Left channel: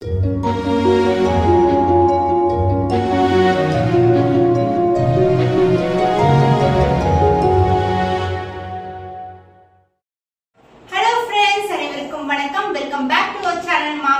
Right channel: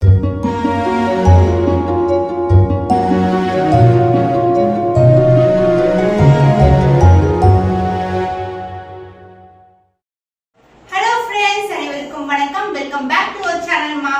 Welcome back to our channel Maa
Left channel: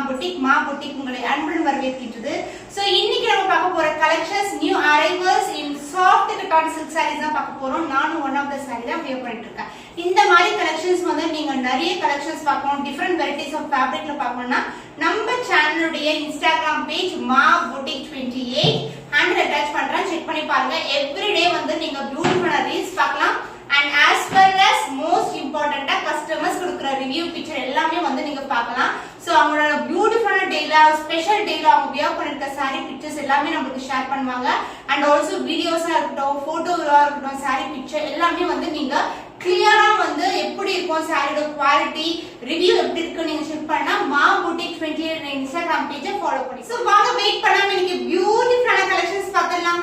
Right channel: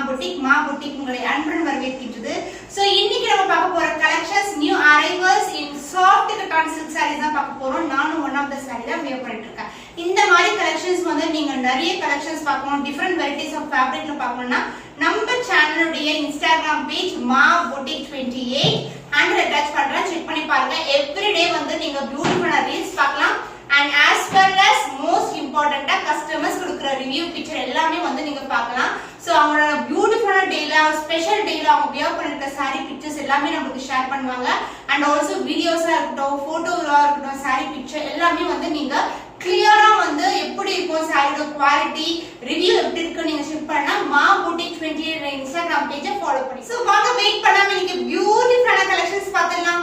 boutique உங்களை அன்புடன் வரவேற்கின்றது. சோ இன்னைக்கு நம்ம பார்க்க போற collections new arrivals in soft cotton silk saris தான் பார்க்க போறோம். நானும் ஒன் ஆஃப் த சாரி தான் வியர் பண்ணிட்டு இருக்கேன். இந்த மாதிரி கலெக்ஷன்ஸ் வந்து நீங்க நிறைய கலெக்ஷன்ஸ் பார்க்கணும், டிஃபரெண்ட் வெரைட்டிஸ் ஆஃப் ஃபேப்ரிக்ல பார்க்கணும்னா நம்ம சேனலுடைய இன்ஸ்டாகிராம் பேஜ் மா புட்டிக் 28 ஹேண்டில் அட்டாச் பண்றேன், செக் பண்ணி பாருங்க. எவ்ரிடே வந்து நீங்க பியூட்டிஃபுல்லான ரீல்ஸ் பார்க்கலாம். And as well as most important customers கொடுக்கிற ரிவ்யூ பிக்சர் எல்லாமே வந்து நீங்க பார்க்கலாம். சோ அவங்களோட பியூட்டிஃபுல்லான டேல ஸ்பெஷல் டேல அவங்க வியர் பண்ணிருக்க saree பிக்சர்ஸ் எல்லாமே நமக்கு ஷேர் பண்ணுவாங்க. அண்ட் ஆல்சோ வீடியோஸா இருக்கட்டும், போட்டோஸா இருக்கட்டும், saree பிக்சர் எல்லாமே வந்து நீங்க கிளியரா வந்து எப்படி இருக்கும் சாரியோட குவாலிட்டி ரிவ்யூ எப்படி இருக்கு நீங்க செக் பண்ணா மா புட்டிக் 28 இன்ஸ்டாகிராம் பேஜை ஃபாலோ பண்ணி. சோ வாங்க வெயிட் பண்ணாம இன்னைக்கு பியூட்டிஃபுல்லான கலெக்ஷன்ஸ் பார்க்கலாம்.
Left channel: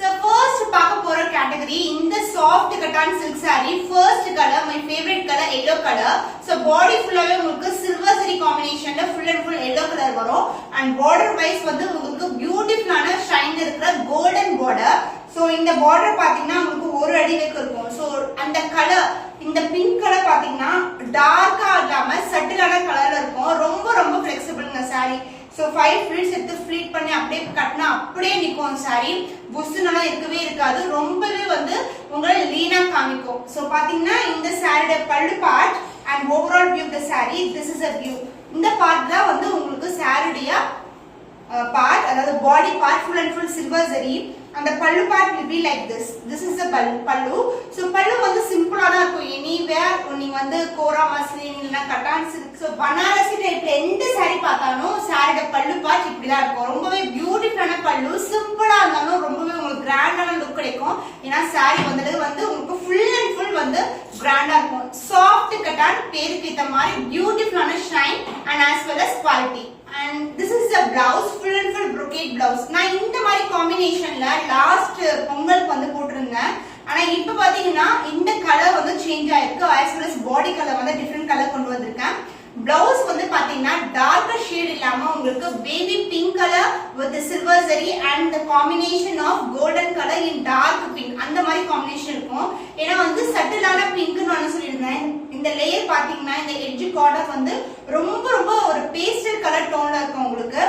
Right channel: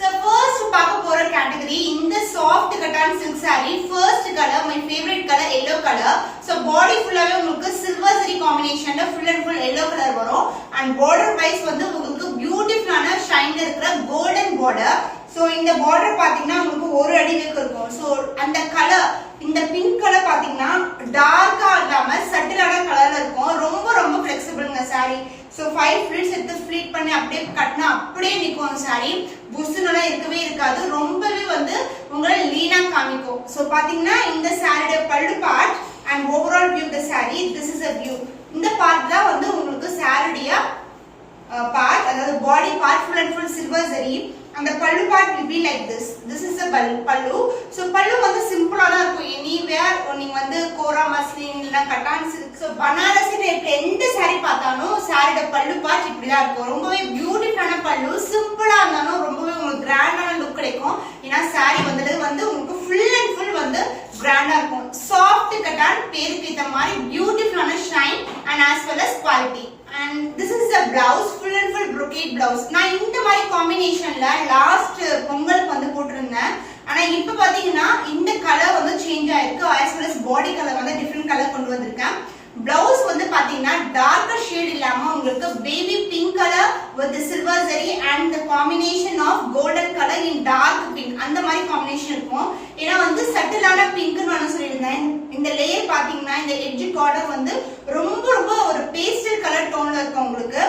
So first பார்க்க போற கேட்டகரி இந்த soft cotton silk saree. First colour my favorite color yellow color. So body ஃபுல்லாவே உங்களுக்கு சில்வர் சரி காம்பினேஷன்ல full and full yellow color வரும். and border wise வந்து உங்களுக்கு பியூட்டிஃபுல்லான ஷைன் இருக்கிற golden border. So இந்த border பாத்தீங்கன்னா உங்களுக்கு ஒரு அடி வரைக்கும் இருக்கும். So அந்த கலர் இந்த பிங்க் கலர் பாத்தீங்கன்னா டார்க்கா இல்லாம சட்டிலான கலர்ல இருக்கும். ரொம்ப ரொம்ப ஃபிளெக்சிபிள்ங்க saree. So 5 ஃபிளிட்ஸ் எடுத்து ஃபிளீட் பண்ணி அப்படியே கட்டினா அப்படியே நிக்கும் saree. புஷ்னெல்லாம் இருக்கவே இருக்காது, ரொம்பவே வந்து உங்களை லீனா காமிக்கும். சோ பாத்தீங்கன்னா இந்த சாரியோட pallu part and overall view the saree, this is a view. இந்த பார்ட் தான் வந்து உங்களுக்கு சாரியோட பார்ட், அதாவது body part full and full silver zari. அந்த பல்லு part will be like this. This is the பல்லு. சோ பல்லு வந்து சிம்பிளா தான் இருக்கும். எனிவேர் நீங்க வந்து கோரா மஸ்லின் இல்ல கட்டான் சில்க், சோ பனாரசி டைப்ல எந்த saree பார்த்தாலும் சாரியோட பல்லு பார்ட் இப்படி தான் இருக்கும். ரொம்பவே பியூட்டிஃபுல்லான பல்லு, சிம்பிளா இருந்தாலும் ரொம்பவே உங்களுக்கு கிராண்டான லுக் கிடைக்கும். ஏன்னா saree வந்து உங்களுக்கு full and full வந்து கிராண்டா இருக்கும். சாஃப்ட் கட்டான் பேருக்கு ஏத்த மாதிரி பியூட்டிஃபுல்லான shine and as well as quality. And this is the blouse, full and full brocade blouse. நான் இந்த மாதிரி காம்பினேஷன்ல லாஸ்ட் பொங்கலுக்கு வந்து போட்டிருந்தேன். ஆனா இப்ப பாத்தீங்கன்னா இந்த கலர் வந்து சேஞ்ச் ஆயிருக்கு. as well as பாடி கலர் வந்து டிஃபரெண்ட் கலர் கொண்டு வந்திருக்கேன். பிளவுஸ் வந்து பாத்தீங்கன்னா டார்க்கர் ஷேட் இல்லாம உங்களுக்கு baby pink colour with silver zari and the combination of golden color in dark pink அந்த மாதிரி காம்பினேஷன் இருக்கும். ஏன்னா வந்து சட்டிலான பிங்க்னு நான் சொல்லியிருந்தேன். இந்த லேயர் பாத்தீங்கன்னா இந்த எட்ஜ் கார்னர் வந்து ரொம்ப ரொம்ப ஒரு பேஸ்டல் கலர் டோன்ல இருக்கும் உங்களுக்கு.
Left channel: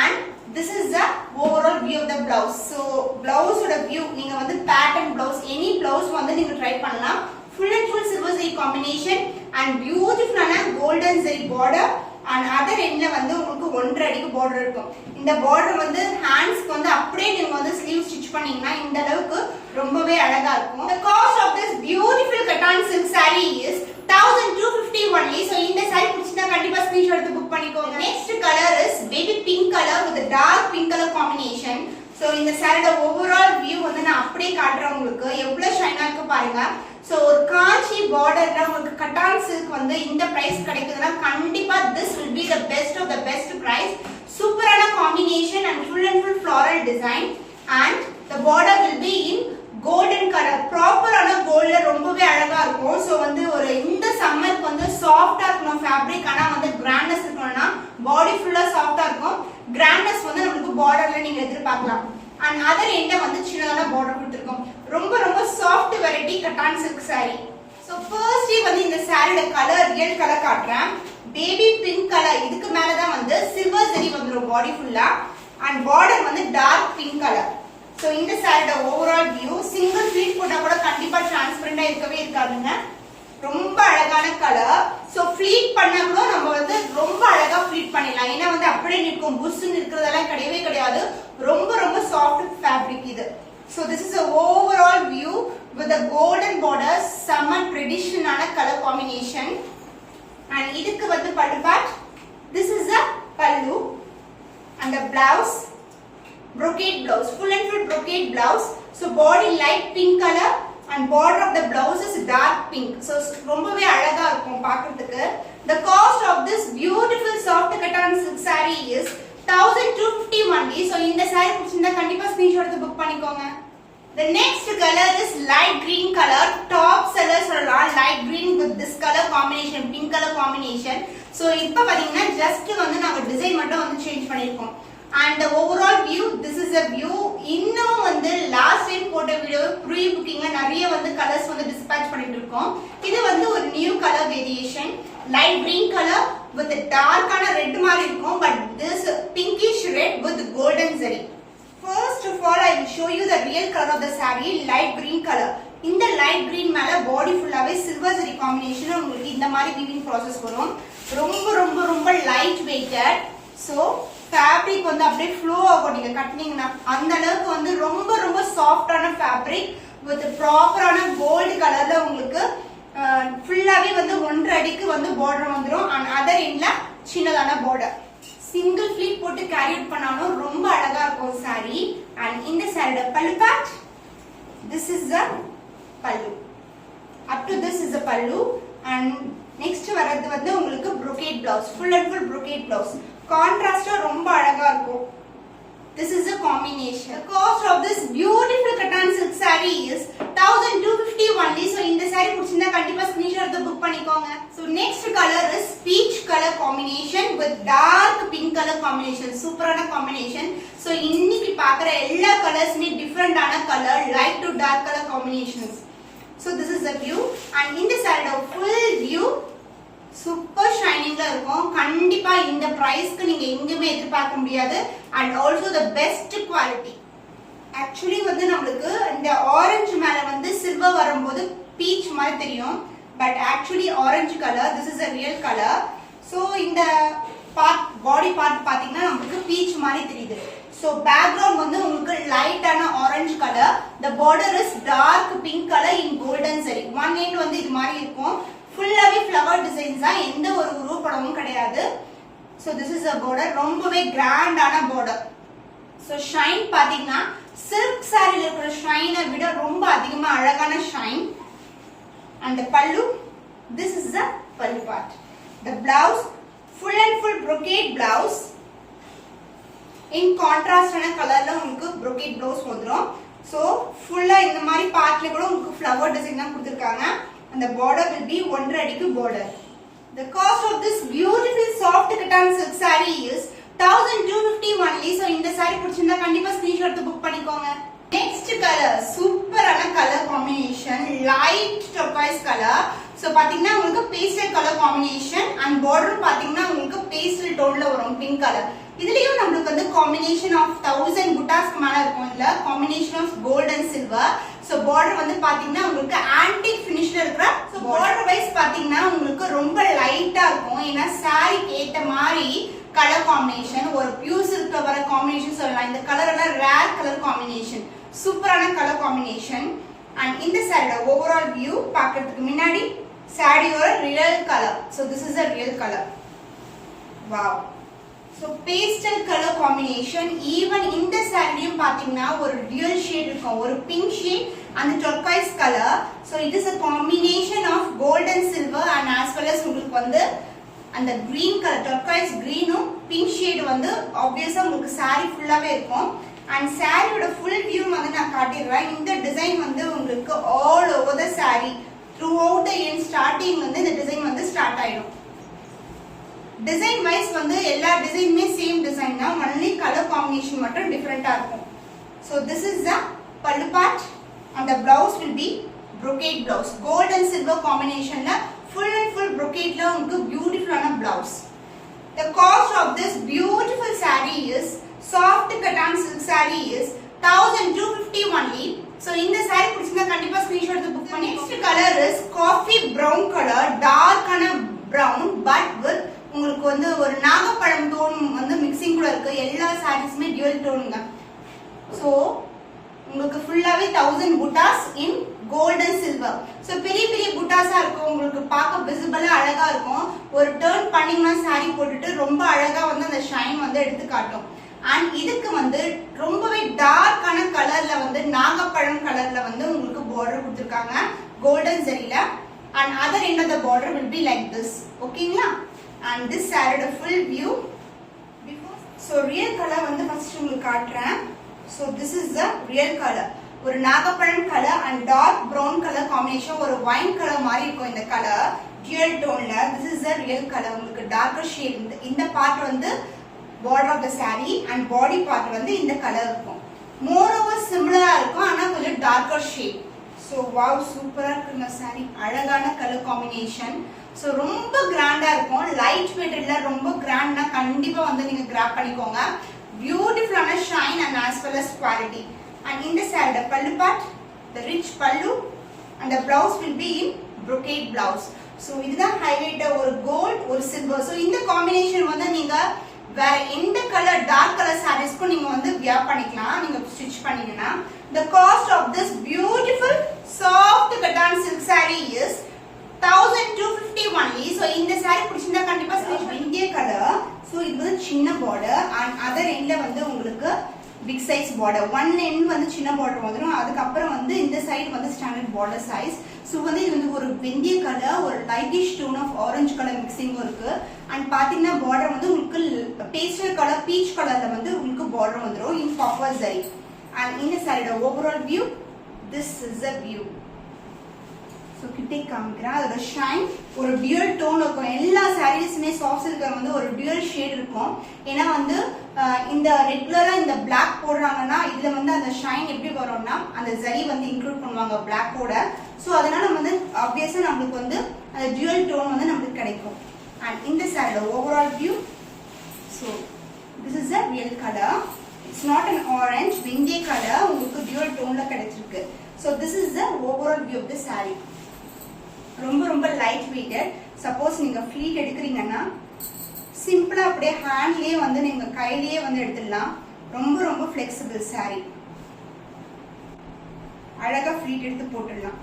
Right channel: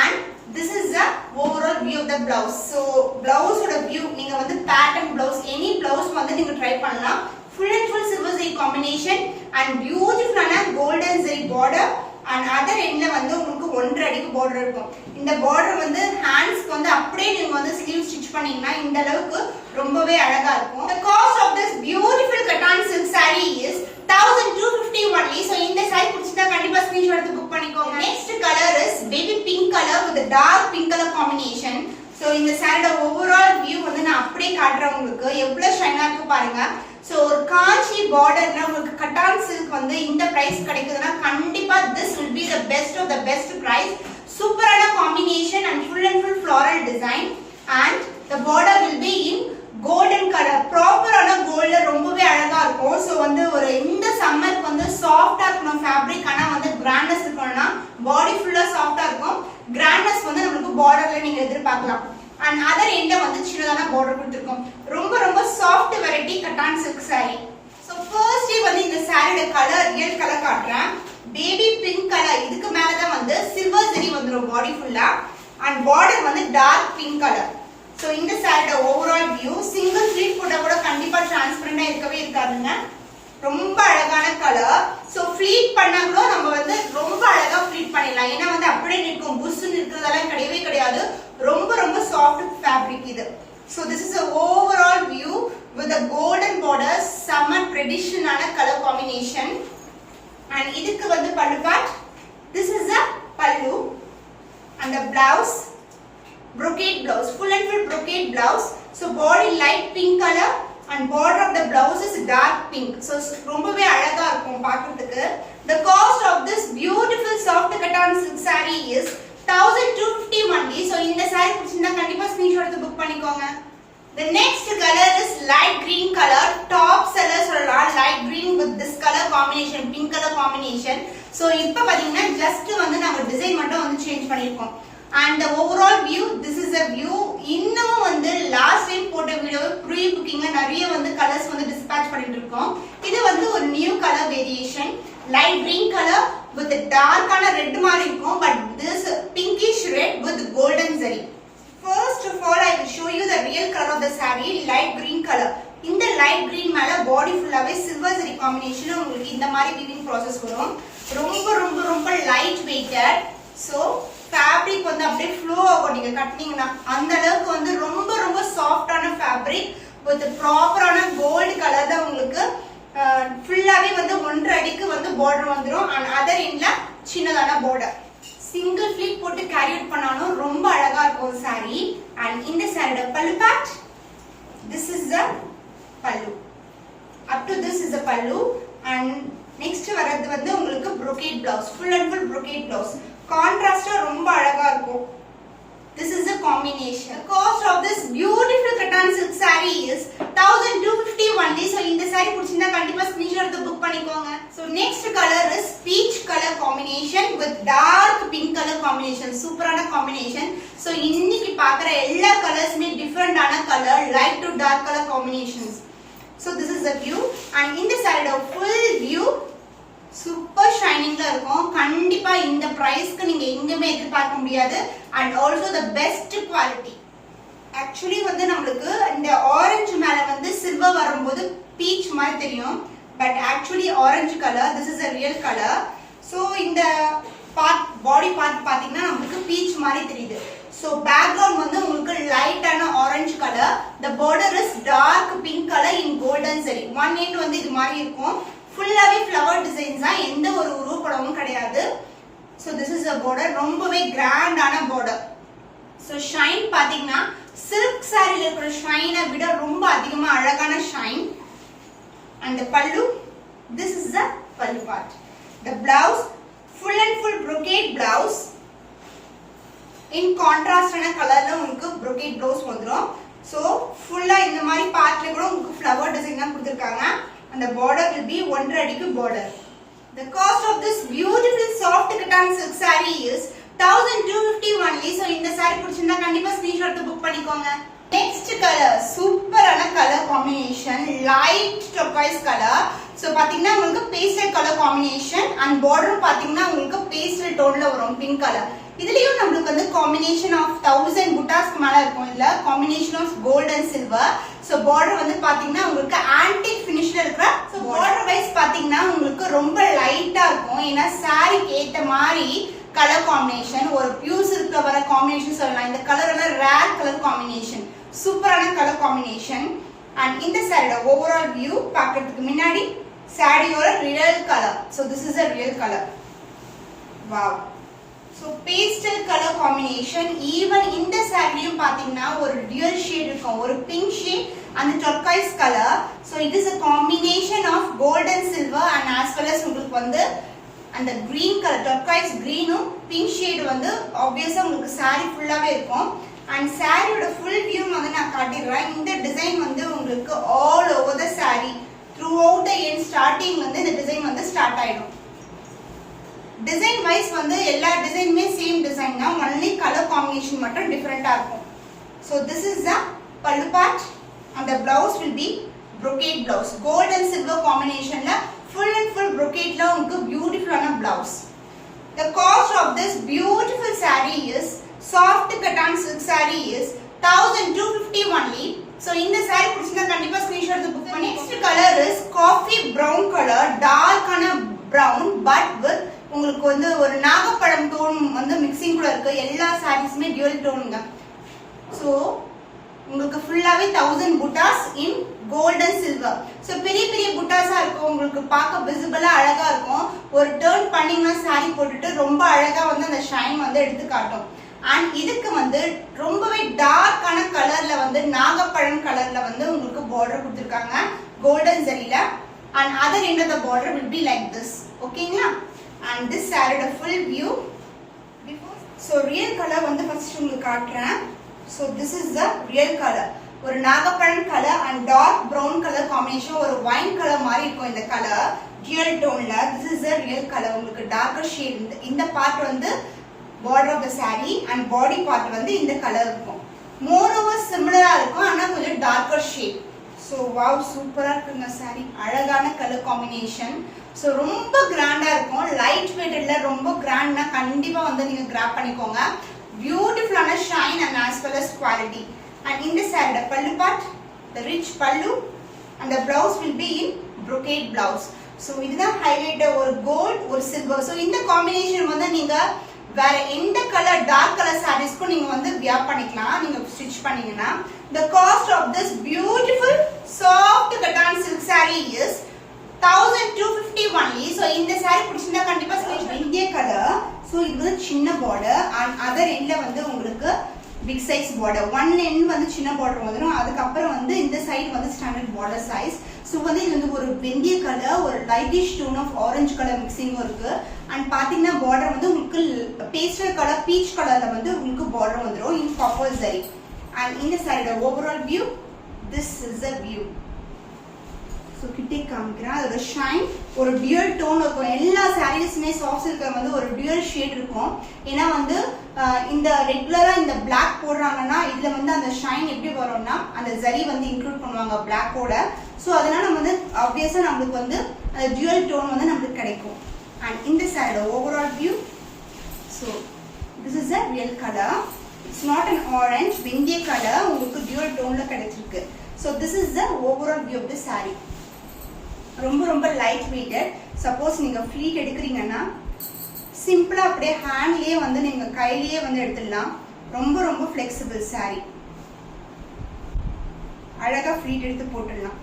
and this is the overall view of the blouse. so blouse ஓட view நீங்க வந்து pattern blouse any blouse வந்து நீங்க ட்ரை பண்ணலாம். full and full silver zari combination and beautiful golden zari border and other endல வந்து உங்களுக்கு 1.5 அடிக்கு border இருக்கும். இந்த border வந்து handsக்கு வந்து அப்படியே நீங்க வந்து sleeve stitch பண்ணீங்கன்னா இந்த அளவுக்கு ரொம்பவே அழகா இருக்கும். the cost of this beautiful cotton silk saree is 1250 only. so இந்த saree பிடிச்சிட்டா கண்டிப்பா ஸ்கிரீன்ஷாட் எடுத்து புக் பண்ணிக்கோங்க. next color is baby pink color with a dark pink color combination. so இந்த சாரியோட ஓவரால் வியூ வந்து நான் அப்படியே காட்டுறேன் உங்களுக்கு. எவ்வளவு ஷைனா இருக்கு பாருங்க. சோ ஒரு காஞ்சி பார்டர்ல உங்களுக்கு கட்டான் சில்க் வந்து இந்த பிரைஸ் கிடைக்குதுன்னா கண்டிப்பா this will be the best of the best price. சூப்பரான combination and full and full floral design and the border will be in golden color. ப்ராப்பரான கோல்ட்ல ரொம்பவே அழகா இருக்கும். சோ வந்து ஒரு இந்த சம்மருக்கு வந்து சாஃப்ட்டா இருக்கணும் ஃபேப்ரிக், ஆனா வந்து கிராண்ட்னஸ் இருக்கணும்னா பாடி ஃபுல்லா சாஃப்ட்டா இருக்கும். கிராண்ட்னஸ் வந்து நமக்கு பார்டர்ல நீங்க எதிர்பார்க்கலாம். and other end வந்து சின்னதான border கொடுத்திருக்கோம். ரொம்ப ரொம்ப soft variety cotton silk saree. so first வந்து இந்த சாரியோட கலர் ரியல் கலர் காட்றேன். பேபி பிங்க் கலர், இதுக்கு மேல தான் வந்து சில்வர் ஜரி வந்துரும் பாடி ஃபுல்லா and border வந்து டார்க் பிங்க் கலர். so இந்த சாரியோட ஓவரால் வியூ சிங்கிள் ஃபிளீட் போட்டா கூட கண்டிப்பா டிரான்ஸ்பரண்டா இருக்கவே இருக்காதுங்க. ரொம்ப அழகான கலர். சோ ஃபிளீட் பண்ணா கூட நம்ம வந்து ரொம்ப அழகா ஃபிளீட் பண்ணிடலாம். ஏன்னா வந்து அப்படியே நிற்கும், புஷ்னு இருக்கிறதெல்லாம் கிடையவே கிடையாது. ரொம்ப ரொம்ப சாஃப்ட் ஃபேப்ரிக் இது. so this is a overall view with a golden border, summer traditional color combination. and இதுக்கு வந்து பல்லு part, this is a pallu and the blouse brocade blouse, full and full brocade blouse. so body light pink color and border of the blouse is dark pink. so ரொம்பவே அழகா இருக்கும் பார்க்கிறதுக்கு. the cost of this beautiful soft cotton silk saree is 1250 only. so இந்த saree பிடிச்சிருந்தா கண்டிப்பா screenshot எடுத்து book பண்ணிக்கோங்க. the next color is light green color, top seller சொல்லலாம். light green with this color combination, pink color combination. so இப்ப பாத்தீங்கன்னா just வந்து நாங்க டிசைன் மட்டும் வந்து சேஞ்ச் பண்ணிருக்கோம். And the overall view, this is a view. இன்னும் வந்து லாஸ்ட் டைம் போட்ட வீடியோ ப்ரீ புக்கிங்ல நிறைய வந்து கலர்ஸ் வந்து டிஸ்பேட்ச் பண்ணிட்டு இருக்கோம். இது வந்து ஒரு new colour variation, light green colour with டார்க்கான ரெட் மாதிரி இருக்கும். But this pinkish red with golden zari. First of all, I will show you the real color of the saree, light green color. இந்த light green மேல பாடி ஃபுல்லாவே silver zari combination உங்களுக்கு இந்த மாதிரி weaving process வரும். ரொம்ப ரொம்ப ரொம்ப லைட் வெயிட்டட். சோ ஃபேப்ரிக் வந்து அப்படியே ஃப்ளோ ஆகும் நீங்க கட்டினீங்கன்னா. அந்த அளவுக்கு வந்து ரொம்ப ரொம்ப சாஃப்டான ஃபேப்ரிக் வித் ப்ராப்பரான கோல்டு கலர்ல உங்களுக்கு ஃபுல்லாவே வந்து 1.5 அடிக்கு வந்து பார்டர் வந்துரும். அண்ட் அதர் எண்ட்ல சின்னதான பார்டர். சிங்கிள் ஃபிளீட் போட்டு கேரி அவுட் பண்ணாலும் ரொம்ப அழகா இருக்கும் சாரி. அண்ட் இந்த சாரியோட pallu part, this is the pallu. Up to this is the pallu. And next வரது வந்து உங்களுக்கு brocade blouse, full and full brocade blouse. Contrast ரொம்ப அழகா இருக்கும். This is the combination. The cost of this beautiful cotton silk saree is 1250 only. So இந்த saree பிடிச்சிருந்தா கண்டிப்பா screenshot எடுத்து book பண்ணிக்கோங்க. So next color is peach color combination with dark pink color combination. சூப்பரான combination. So இன்னைக்கு பார்க்குற எல்லா கலர்ஸ்மே டிஃபரெண்டான colour, light to dark color combinations. So this is the view. And இந்த saree full view சூப்பர் ஷைனிங்ல இருக்கும். கண்டிப்பா இந்த பிரைஸ்க்கு நீங்க எங்கேயுமே எதிர்பார்க்க முடியாது. And also the best quality. Actually வந்து நம்மளுக்கு இந்த ஆரஞ்சு மேல வந்து சில்வர் வரும்போது பீச் மாதிரி தெரியும். But actually orange colour, this is a real colour. So இந்த பார்ட், பாடி பார்ட் பாத்தீங்கன்னா நம்மளுக்கு பீச் மாதிரி தெரியுது. ஸோ பேக்ரவுண்ட் வந்து உங்களுக்கு லைட்டான orange colour. The border is dark pink colour in golden சரி. ஒன் எண்ட் வந்து இது மாதிரி இருக்கும். ஃபுல்லாவே ஃப்ளவர் டிசைன்ஸ் தான், எந்த ஒரு உருவப்படமும் கிடையாது. So this is a border, ரொம்பவே கிராண்டான பார்டர். ஸோ ஷைன் பாத்தீங்கன்னா சில்க் சாரியில இருக்கிற ஷைனை விட ரொம்ப அதிகமா அழகான shine. And pallu, this is the pallu part. The blouse full and full brocade blouse in கான்ட்ராஸ்டான கலர்ல உங்களுக்கு brocade பிளவுஸ் வந்துடும். ஸோ ஃபுல்லா இந்த மாதிரி பார்ட்ல கூட உங்களுக்கு ஃப்ளவர் டிசைன் தான் கொடுத்துருக்காங்க. And the border will be 1.5 அடிக்கு border. The cost of this beautiful soft cotton silk saree is 1250 only. So இந்த saree பிடிச்சிருந்தா கண்டிப்பா screenshot எடுத்து book பண்ணிக்கோங்க. Next color, சூப்பரான colour combination, light turquoise color. So பாத்தீங்கன்னா உங்களுக்கு pastel color combination and border பாத்தீங்கன்னா உங்களுக்கு pastel toneல வரும் pink color. இதுலயும் நம்மளுக்கு வந்து combination of 1000 புட்டாஸ்க்கு மேல இருக்கும். இல்ல combination of gold and silver. So border வந்து பாத்தீங்கன்னா உங்களுக்கு antique finishல இருக்கிற. So border wise பாத்தீங்கன்னா உங்களுக்கு ரொம்ப லைட்டா இருக்கும். ஏன்னா சாரிக்கு ஏத்த மாதிரி கலர் காம்பினேஷன், ஒரு பியூர் சில்க்ல வர காம்பினேஷன் சொல்லலாம். இந்த கலர் எல்லாம் ரேர் கலர் காம்பினேஷன், சூப்பரான கலர் காம்பினேஷன். அண்ட் இந்த சாரியோட ஓவரால் வியூ பார்க்கிறதுக்கு முன்னாடி சாரியோட real colour. So this is a real colour. Wow. So pastel colour combination. Even இந்த சாரிலையும் பார்த்தீங்கன்னா ஒரு டியூல் ஷேட் இருக்கும், ஒரு பிங்க் ஷேட் அந்த turquoise colour. So it is a combination of gold and silver and as well as உங்களுக்கு வந்து அந்த கிரீன் கலர், turquoise கிரீனும் பிங்க் ஷேட் வந்து ஆப்வியஸா உங்களுக்கு சாரி ஃபுல்லாவே இருக்கும். அண்ட் சாரியோட ஃபுல் வியூ வந்து நான் காட்டிடுறேன். இந்த டிசைன் வந்து உங்களுக்கு all over the sorry through out the end starting வந்து இந்த டிசைன் வந்து ஸ்டார்ட் ஆயிடும். டிசைன் வைஸ் வந்து எல்லா டிசைனுமே சேம் டிசைன் தான், ஒன்லி கலர் காம்பினேஷன் மட்டும் டிஃபரெண்டா இருக்கும். So this is the pallu part and the blouse will be brocade blouse. Gold and silver காம்பினேஷன்ல ஃபுல் அண்ட் ஃபுல் brocade ல உங்களுக்கு பியூட்டிஃபுல்லான blouse. The cost of this beautiful saree is soft cotton silk saree is 1250 only. So இந்த saree பிடிச்சிருந்தா கண்டிப்பா screenshot எடுத்து book பண்ணி. Next color is coffee brown color, dark ஆன brown but with உங்களுக்கு வந்து ஒரு நாகப்பழம் டோன் வந்து மிக்சிங் கூட இருக்கு. எல்லா சாரீஸ்மே டியூவல் டோனுங்க. ஸோ உங்களுக்கு ஃபுல்லாவே 1000 புட்டாஸ் இன் கோல்ட் அண்ட் சில்வர். ஸோ பெரிய பெரிய புட்டாஸா இருக்கும், உங்களுக்கு பார்க்க விசிபிளா அழகா இருக்கும். ஒரு டர்ன் பண்ணீங்கன்னா சாரி போட்டுட்டு ரொம்ப அழகா வந்து அந்த ஷைன் வந்து எடுத்து காட்டும். அண்ட் இதுக்கு வந்து ரொம்பவே டார்க்கான கலர்ல வந்து நாகப்பழம் கலர்ல வந்து உங்களுக்கு பார்டர் கொடுத்துருக்காங்க கோல்டன் ஜரியில. And other end of the border will be like this. ஓகேங்களா? அண்ட் திஸ் சாரியோட full view. So real colour வந்து ஃபர்ஸ்ட் உங்களுக்கு காட்டுறேன். So this is the real colour. ஒரு நாகப்பழம் colour and dark brown colour combination, ஒரு wine colour மாதிரி இருக்கும் இந்த கலர் டியூவல் டோன்ல. This is the real colour. உங்களுக்கு டார்க்கர் ஷேட். இந்த பார்ட் வந்து border of the saree and body part வந்து இந்த கலர் இருக்கும். moreover similar இருக்கும் ஆனா கொஞ்சம் darker shade. so wow சூப்பரா இருக்குங்க saree. அழகான கலர் காம்பினேஷன். so ரொம்ப கிராண்டா இருக்கும். லைட் வெயிட் இல்ல, ரொம்ப கிராண்ட்னா கண்டிப்பா வந்து நீங்க கிராப் பண்ணிக்கோங்க. பியூட்டிஃபுல்லான shine and as well as quality. and in the saree the pallu part, the rich pallu and the blouse will be in brocade blouse. so இதுதான் ஹைலைட். ஒரு கோல்ட் ஒரு சில்வர். so இந்த காம்பினேஷன் வந்து நீங்க வேற எந்த கலர் டார்க் கலர் சாரீஸ்க்கும் நீங்க வந்து வியர் பண்ணிக்கலாம் நீங்க ஸ்டிட்ச் பண்ணீங்கன்னா. the cost of this beautiful soft cotton silk saree is 1250 only. so இந்த saree பிடிச்சிருந்தா கண்டிப்பா இந்திய கலர். so இது வந்து சின்ன border and other endல வந்து உங்களுக்கு big size border. one end வந்து சின்ன border வந்துரும். அதுக்கு அப்புறம் வந்து இந்த சைடு வந்து ஸ்டாண்டர்ட் border size. சோ வந்து இது வந்து ஒரு வெந்தய கலர், ஒரு lightish tone of orange colour mixing இருக்கு. அண்ட் பாத்தீங்கன்னா border வந்து உங்களுக்கு பேஸ்டல் கலர் பீச் கலர்ல வந்து உங்களுக்கு border வந்துரும் in copper zari. and இந்த சாரியோட overall view, this is the view. so கிட்டே காமிக்கிறேன். அதோட ஷைன் ஒரு டியூல் டோன் இருக்கும். எல்லா சாரீஸ்மே சாஃப்ட் சில்க்ல வந்து ஒரு டியூல் ஷேட் இருக்கும். ஏன்னா வந்து இந்த ரெகுலரா இந்த பிளாக் போடுறாங்கன்னா இதுல வந்து அந்த ஷைன் எப்படி வரும்னா அந்த ஜரி வந்து இன்க்ளூட் பண்ணுவாங்க பிளாக்கோட. சோ அதனால நம்ம வந்து ஆப்வியஸா நமக்கு வந்து அந்த டியூல் டோன் வந்து நமக்கு கிடைக்கும். and இந்த சாரியோட overall view, so this is a real color. it's not an orange, வெந்தய கலர் உங்களுக்கு டியூல் டோன்ல கிடைச்சிருக்கு. so this is the overall view of the saree. ரொம்ப ரொம்ப லைட் வெயிட்டட். சப்போஸ் நீங்க ஃப்ளீட் எடுக்கிறீங்கன்னா சிம்பிளா அப்படியே ஹேண்ட்லயே வந்து நீங்க கையிலேயே வந்து எடுத்துடலாம். ரொம்ப ரொம்ப ஃபிளெக்சிபிள் saree. அழகா ஃப்ளீட் எடுத்து போட்டுடலாம்.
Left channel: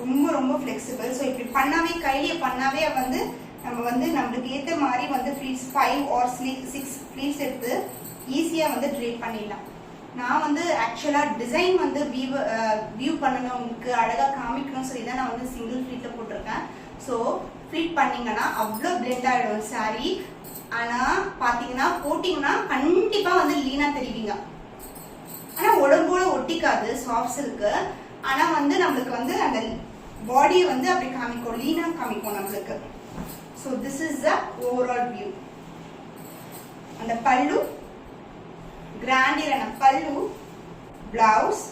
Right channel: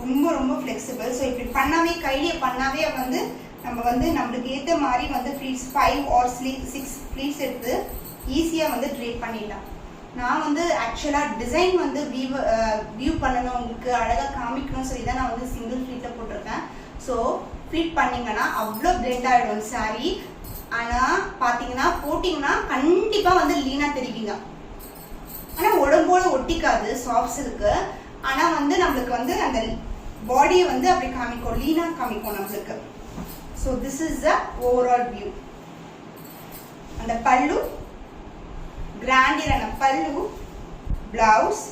ரொம்ப ரொம்ப ஃபிளெக்சிபிள். ஸோ இப்படி பண்ணாவே கையிலேயே பண்ணாவே வந்து நம்ம வந்து நம்மளுக்கு ஏற்ற மாதிரி வந்து ஃப்ளீட்ஸ் 5 or 6 ஃப்ளீட்ஸ் எடுத்து ஈஸியா வந்து ட்ரேப் பண்ணிடலாம். நான் வந்து ஆக்சுவலா டிசைன் வந்து வியூ பண்ணணும் உங்களுக்கு அழகா காமிக்கணும்னு சொல்லி தான் நான் வந்து சிங்கிள் ஃப்ளீட்ல போட்டிருக்கேன். ஸோ ஃப்ளீட் பண்ணீங்கன்னா அவ்வளோ பிளெண்ட் ஆயிடும் saree. ஆனா பாத்தீங்கன்னா போட்டீங்கன்னா கண்டிப்பா வந்து லீனா தெரிவிங்க. ஆனா உடம்போட ஒட்டிக்காது சாஃப்ட் சில்க்கு. ஆனா வந்து நம்மளுக்கு வந்து அந்த பாடியை வந்து அப்படி காமிக்கும், லீனா காமிக்கும் நம்மளுக்கு. So this is the overall view. அந்த பல்லு கிராண்டியரான பல்லு, blouse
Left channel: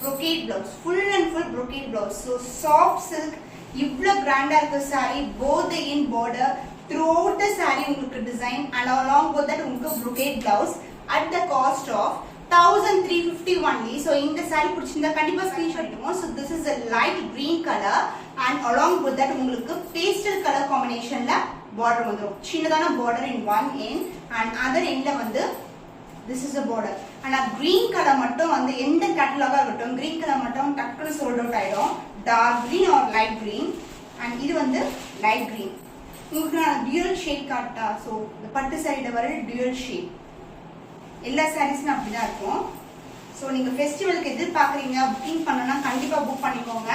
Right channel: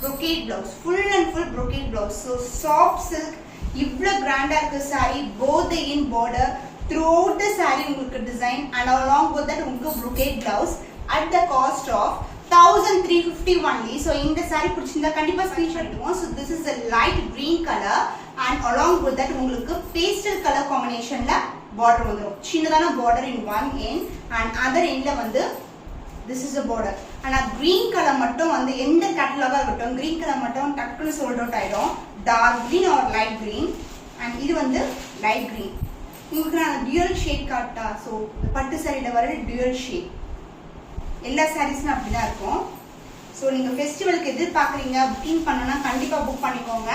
brocade blouse, full and full brocade blouse. so soft silk இவ்ளோ கிராண்டா இருக்கு saree. both the in border throughout the saree உங்களுக்கு design and along with that உங்களுக்கு brocade blouse at the cost of 1350 only. so இந்த saree பிடிச்சிருந்தா கண்டிப்பா screenshot எடுத்துக்கோங்க. so this is a light green color and along with that உங்களுக்கு pastel color combinationல border வந்துரும். சின்னதான border in one end and other endல வந்து this is a border. ஆனா green color மட்டும் வந்து எந்த கேட்டலாகா இருக்கட்டும் green color மட்டும் டக்குனு sold out ஆயிடும். dark green or light green and இது வந்து light green. உங்களுக்கு நான் dual shade காட்டா. so பட்டு சாரியில வர dual shade எல்லா சாரீஸ்மே அப்படிதான் இருக்கும். so நீங்க ஃபெஸ்டிவலுக்கு எதிர்பார்க்கறீங்க புக்கிங் பண்ணனும்னா கண்டிப்பா புக் பண்ணிக்கோங்க.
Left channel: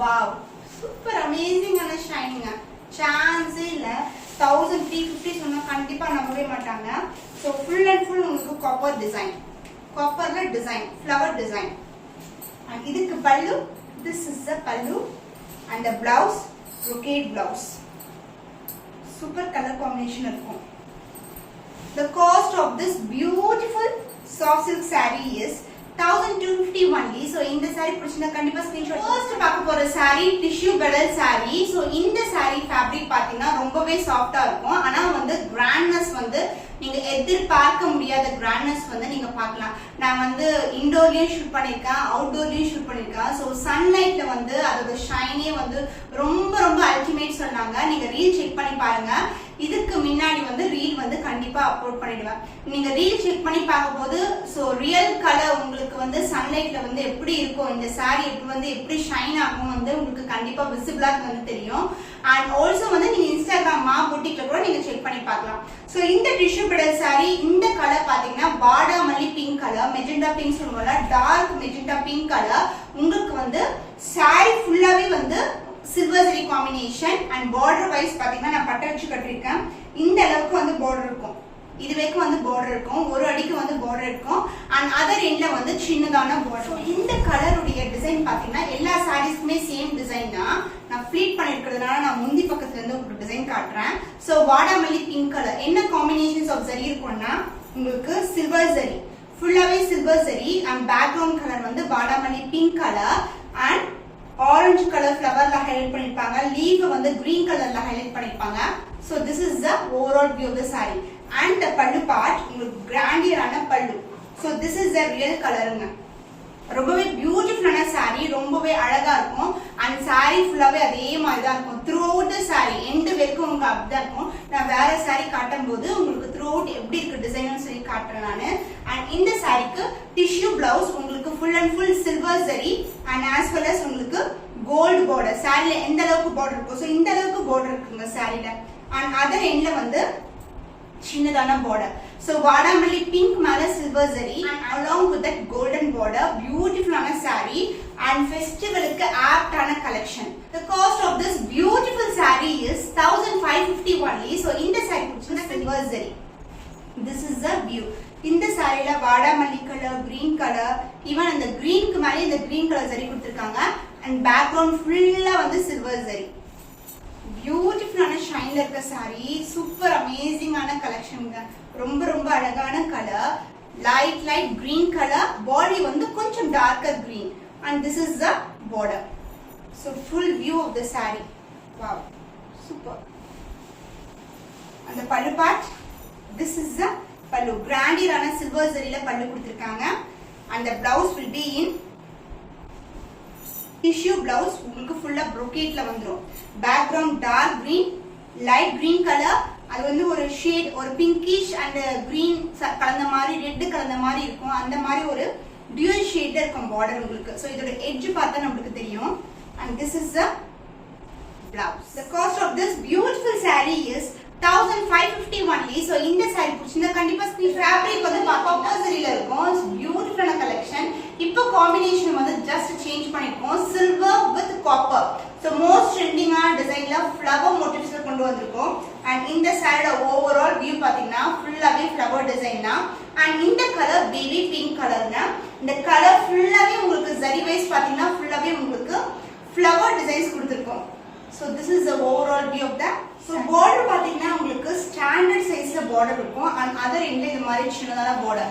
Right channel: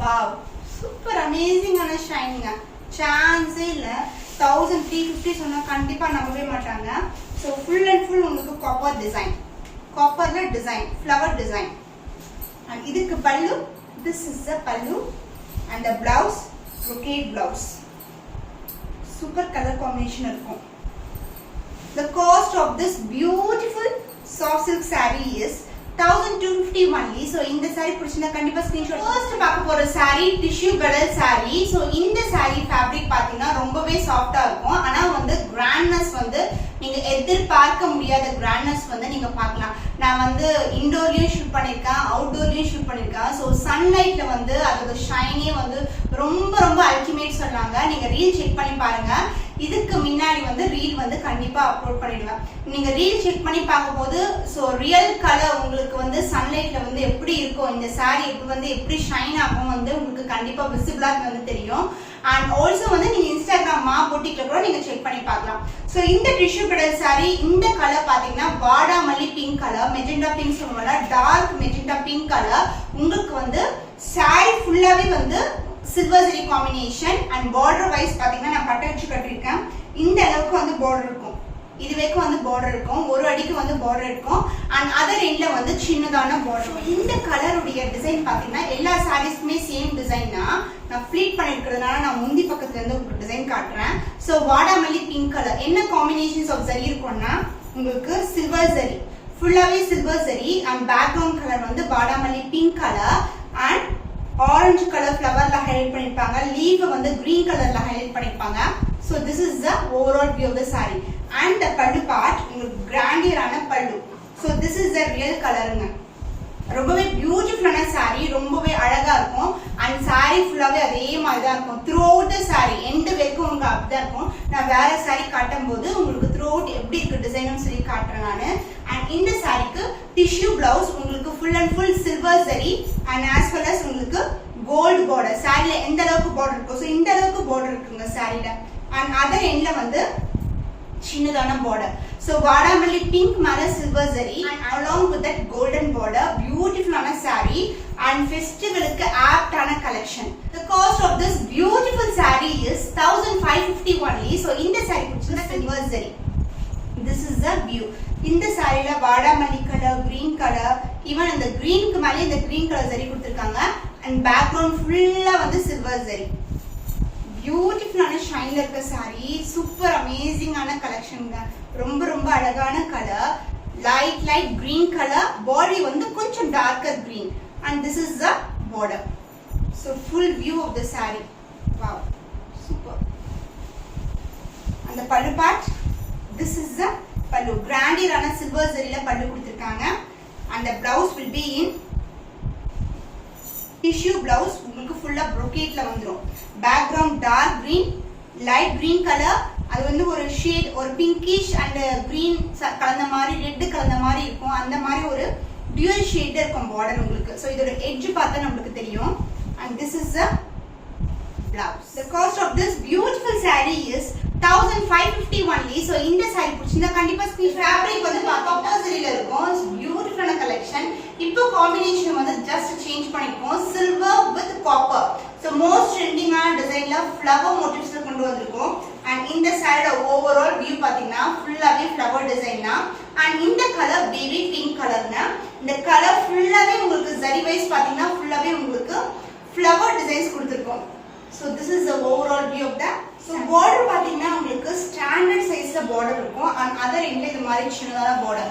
வாவ் சூப்பர் அமேசிங்கான ஷைனிங்க. சான்ஸே இல்ல. 1350 சொன்னா கண்டிப்பா நம்பவே மாட்டாங்க. so full and full உங்களுக்கு காப்பர் டிசைன், காப்பர்ல டிசைன், ஃப்ளவர் டிசைன். and இதுக்கு பல்லு, this is the pallu and the blouse brocade blouse. super color combination இருக்கும். the cost of this beautiful soft silk saree is 1250 only. so இந்த saree பிடிச்சிருந்தா கண்டிப்பா screenshot. First பார்க்க போற saree tissue bedel saree. so இந்த saree fabric பாத்தீங்கன்னா ரொம்பவே சாஃப்ட்டா இருக்கும். ஆனா வந்து கிராண்ட்னஸ் வந்து நீங்க எதிர்பார்க்க முடியாத கிராண்ட்னஸ் வந்து நீங்க பார்க்கலாம். நான் வந்து இன்டோர்லயும் ஷூட் பண்ணிருக்கேன், அவுட்டோர்லயும் ஷூட் பண்ணிருக்கேன். so சன்லைட்ல வந்து அதோட ஷைனே வந்து ரொம்ப ரொம்ப அல்டிமேட் சொன்னாங்க. நீங்க ரீல் செக் பண்ணி பாருங்க. இதுக்கு முன்னாடி வந்து ரீல் வந்து கண்டிப்பா அப்லோட் பண்ணிடுவேன். நீங்க ரீல் செக் பண்ணி பார்க்கும்போது சோ ரியல் கலர் உங்களுக்கு வந்து சன்லைட்ல வந்து எப்படி இருக்கும், இந்த saree எப்படி ஷைன் ஆகும் வந்து உங்களுக்கு கண்டிப்பா விசிபிளா வந்து தெரியும். அண்ட் ஆல்சோ வந்து நீங்க இன்ஸ்டாகிராம் மா புட்டிக்ல கூட நீங்க செக் பண்ணி பார்க்கலாம். சோ இந்த டிஷ்யூ பெடல் saree இந்த கலர் பாத்தீங்கன்னா வாடாமல்லி பிங்க் கலர், மெஜெண்டா பிங்க் சொல்லுவோம்ல, டார்க் மெஜெண்டா பிங்க் கலர். உங்களுக்கு வந்து saree ஃபுல்லாவே வந்து silver zari combination. And border wise பாத்தீங்கன்னா நான் பட்டை வச்சு கட்டிருக்கேன். இந்த அளவுக்கு வந்து பார்டர் இருக்கும். இதுவரைக்கும் வந்து பார்டர் இருக்கும், ஒரு அடிக்கு வந்து பார்டர் இருக்கும். அண்ட் அதர் எண்ட்ல வந்து சின்னதான பார்டர். இந்த கலருடைய டிசைன் பாத்தீங்கன்னா எல்லா சாரீஸ்க்குமே சேம் டிசைன் தான். நான் ஃபிளீட் பண்ணிருக்கிறதுனால நான் முந்தி பக்கத்துல இருந்து உங்களுக்கு டிசைன் காட்டுறேன். ஸோ வாடாமல்லி பிங்க் கலர் என்ன காம்பினேஷன்ஸ் ஆஃப் சரி இருக்கும்னா உங்களுக்கு சில்வர் சரி, ஃபுல்லாவே சில்வர் சரி. அண்ட் பேக்ரவுண்ட் கலர் வந்து வாடாமல்லி pink colour and orange colour ஃபிளவர்ல ஹைலைட் பண்ணிருப்பாங்க. லீவ் வந்து கிரீன் கலர்ல ஹைலைட் பண்ணிருப்பாங்க. So this is the overall view of the saree and the pallu part உங்களுக்கு கிராண்டியரான பல்லு. So this is the real கலருங்க. ரொம்பவே பியூட்டிஃபுல்லான saree, ரொம்பவே அழகா இருக்கும். and saree ஃபுல்லாவே அதே மாதிரி தான் இருக்கும். throughout the saree எண்ட் வரைக்கும் உங்களுக்கு அப்படிதான் இருக்கும். நான் வேற saree காட்டும் போது உங்களுக்கு throughout எப்படி இருக்கு டிசைன்னு சொல்லி காட்டுறேன் நானு. and இந்த சாரிக்கு டிஷ்யூ பிளவுஸ் உங்களுக்கு full and full silver zari and as well as உங்களுக்கு கோல்ட் border. சாரில எந்த அளவுக்கு border இருக்கும், so இந்த அளவுக்கு border இருக்குங்க சாரில. and other endல வந்து சின்னதான border. so வாடாமல்லி pink மேல silver zari and along with that golden border, beautiful ஆன saree and festivalக்கு apt ஆன collection. the cost of this beautiful saree is 1550 only. so இந்த saree பிடிச்சா silver zari. this is the view. இந்த சாரில வாடாமல்லி colour, green colour, even அந்த கிரீனுக்கு மேலே இந்த green colour சரி கொடுத்திருக்காங்க. and background ஃபுல்லா வந்து சில்வர் சரி. பியூட்டிஃபுல்லான ஷைன்ல இருக்க சாரி, சூப்பர் அமேசிங்கான கலெக்ஷன்ங்க. ரொம்ப ரொம்ப அழகான கலர், லைட் கிரீன் கலர், பாடி வந்து கொஞ்சம் darker green and this is the border. so full view of the saree. wow, super. and the pallu part, this is the pallu. கிராண்டியரான சில்வர் சரியில பல்லு கொடுத்திருக்காங்க. and the blouse will be in tissue blouse. உங்களுக்கு ஃபுல்லா brocade வந்துரும். background dark green, light green color. அது வந்து ஒரு shade, ஒரு பிங்கிஷ் and green கலந்த மாதிரி, ரெட் கலந்த மாதிரி இருக்கும். அந்த மாதிரி ஒரு dual shade இருக்கும் border உங்களுக்கு. so இதோட edge பார்த்தா நமக்கு தெரியும். and this is the blouse. the cost of this beautiful saree is 1550 only. so இந்த saree பிடிச்சிருந்தா கண்டிப்பா ஃபேப்ரிக் வந்து காப்பர் சரியில இருக்கும். பியூட்டிஃபுல்லான கலெக்ஷன். இப்போ காம்பினேஷன் வந்து ஜஸ்ட் சேஞ்ச் பண்ணிருக்கோம், silver with copper. so most ட்ரெண்டிங்கான டிசைன்ல ஃப்ளவர் மோட்டிவ்ஸ்ல கொண்டு வந்திருக்கோம். and இந்த சாரியோட ஓவரால் வியூ பாத்தீங்கன்னா ஃபுல்லாவே ஃப்ளவர் டிசைன் தான். and இந்த கலர் பேபி பிங்க் கலர்னா இந்த கலர் ஃபுல்லாவே உங்களுக்கு சரி வைஸ் பாத்தீங்கன்னா ஃபுல்லாவே உங்களுக்கு ஃப்ளவர் டிசைன்ஸ் கொடுத்திருக்கோம். so this is the overall view of the. so border பாத்தீங்கன்னா உங்களுக்கு ஸ்டாண்டர்ட் சைஸ்ல border இருக்கும். and other end இந்த மாதிரி சின்னதான border,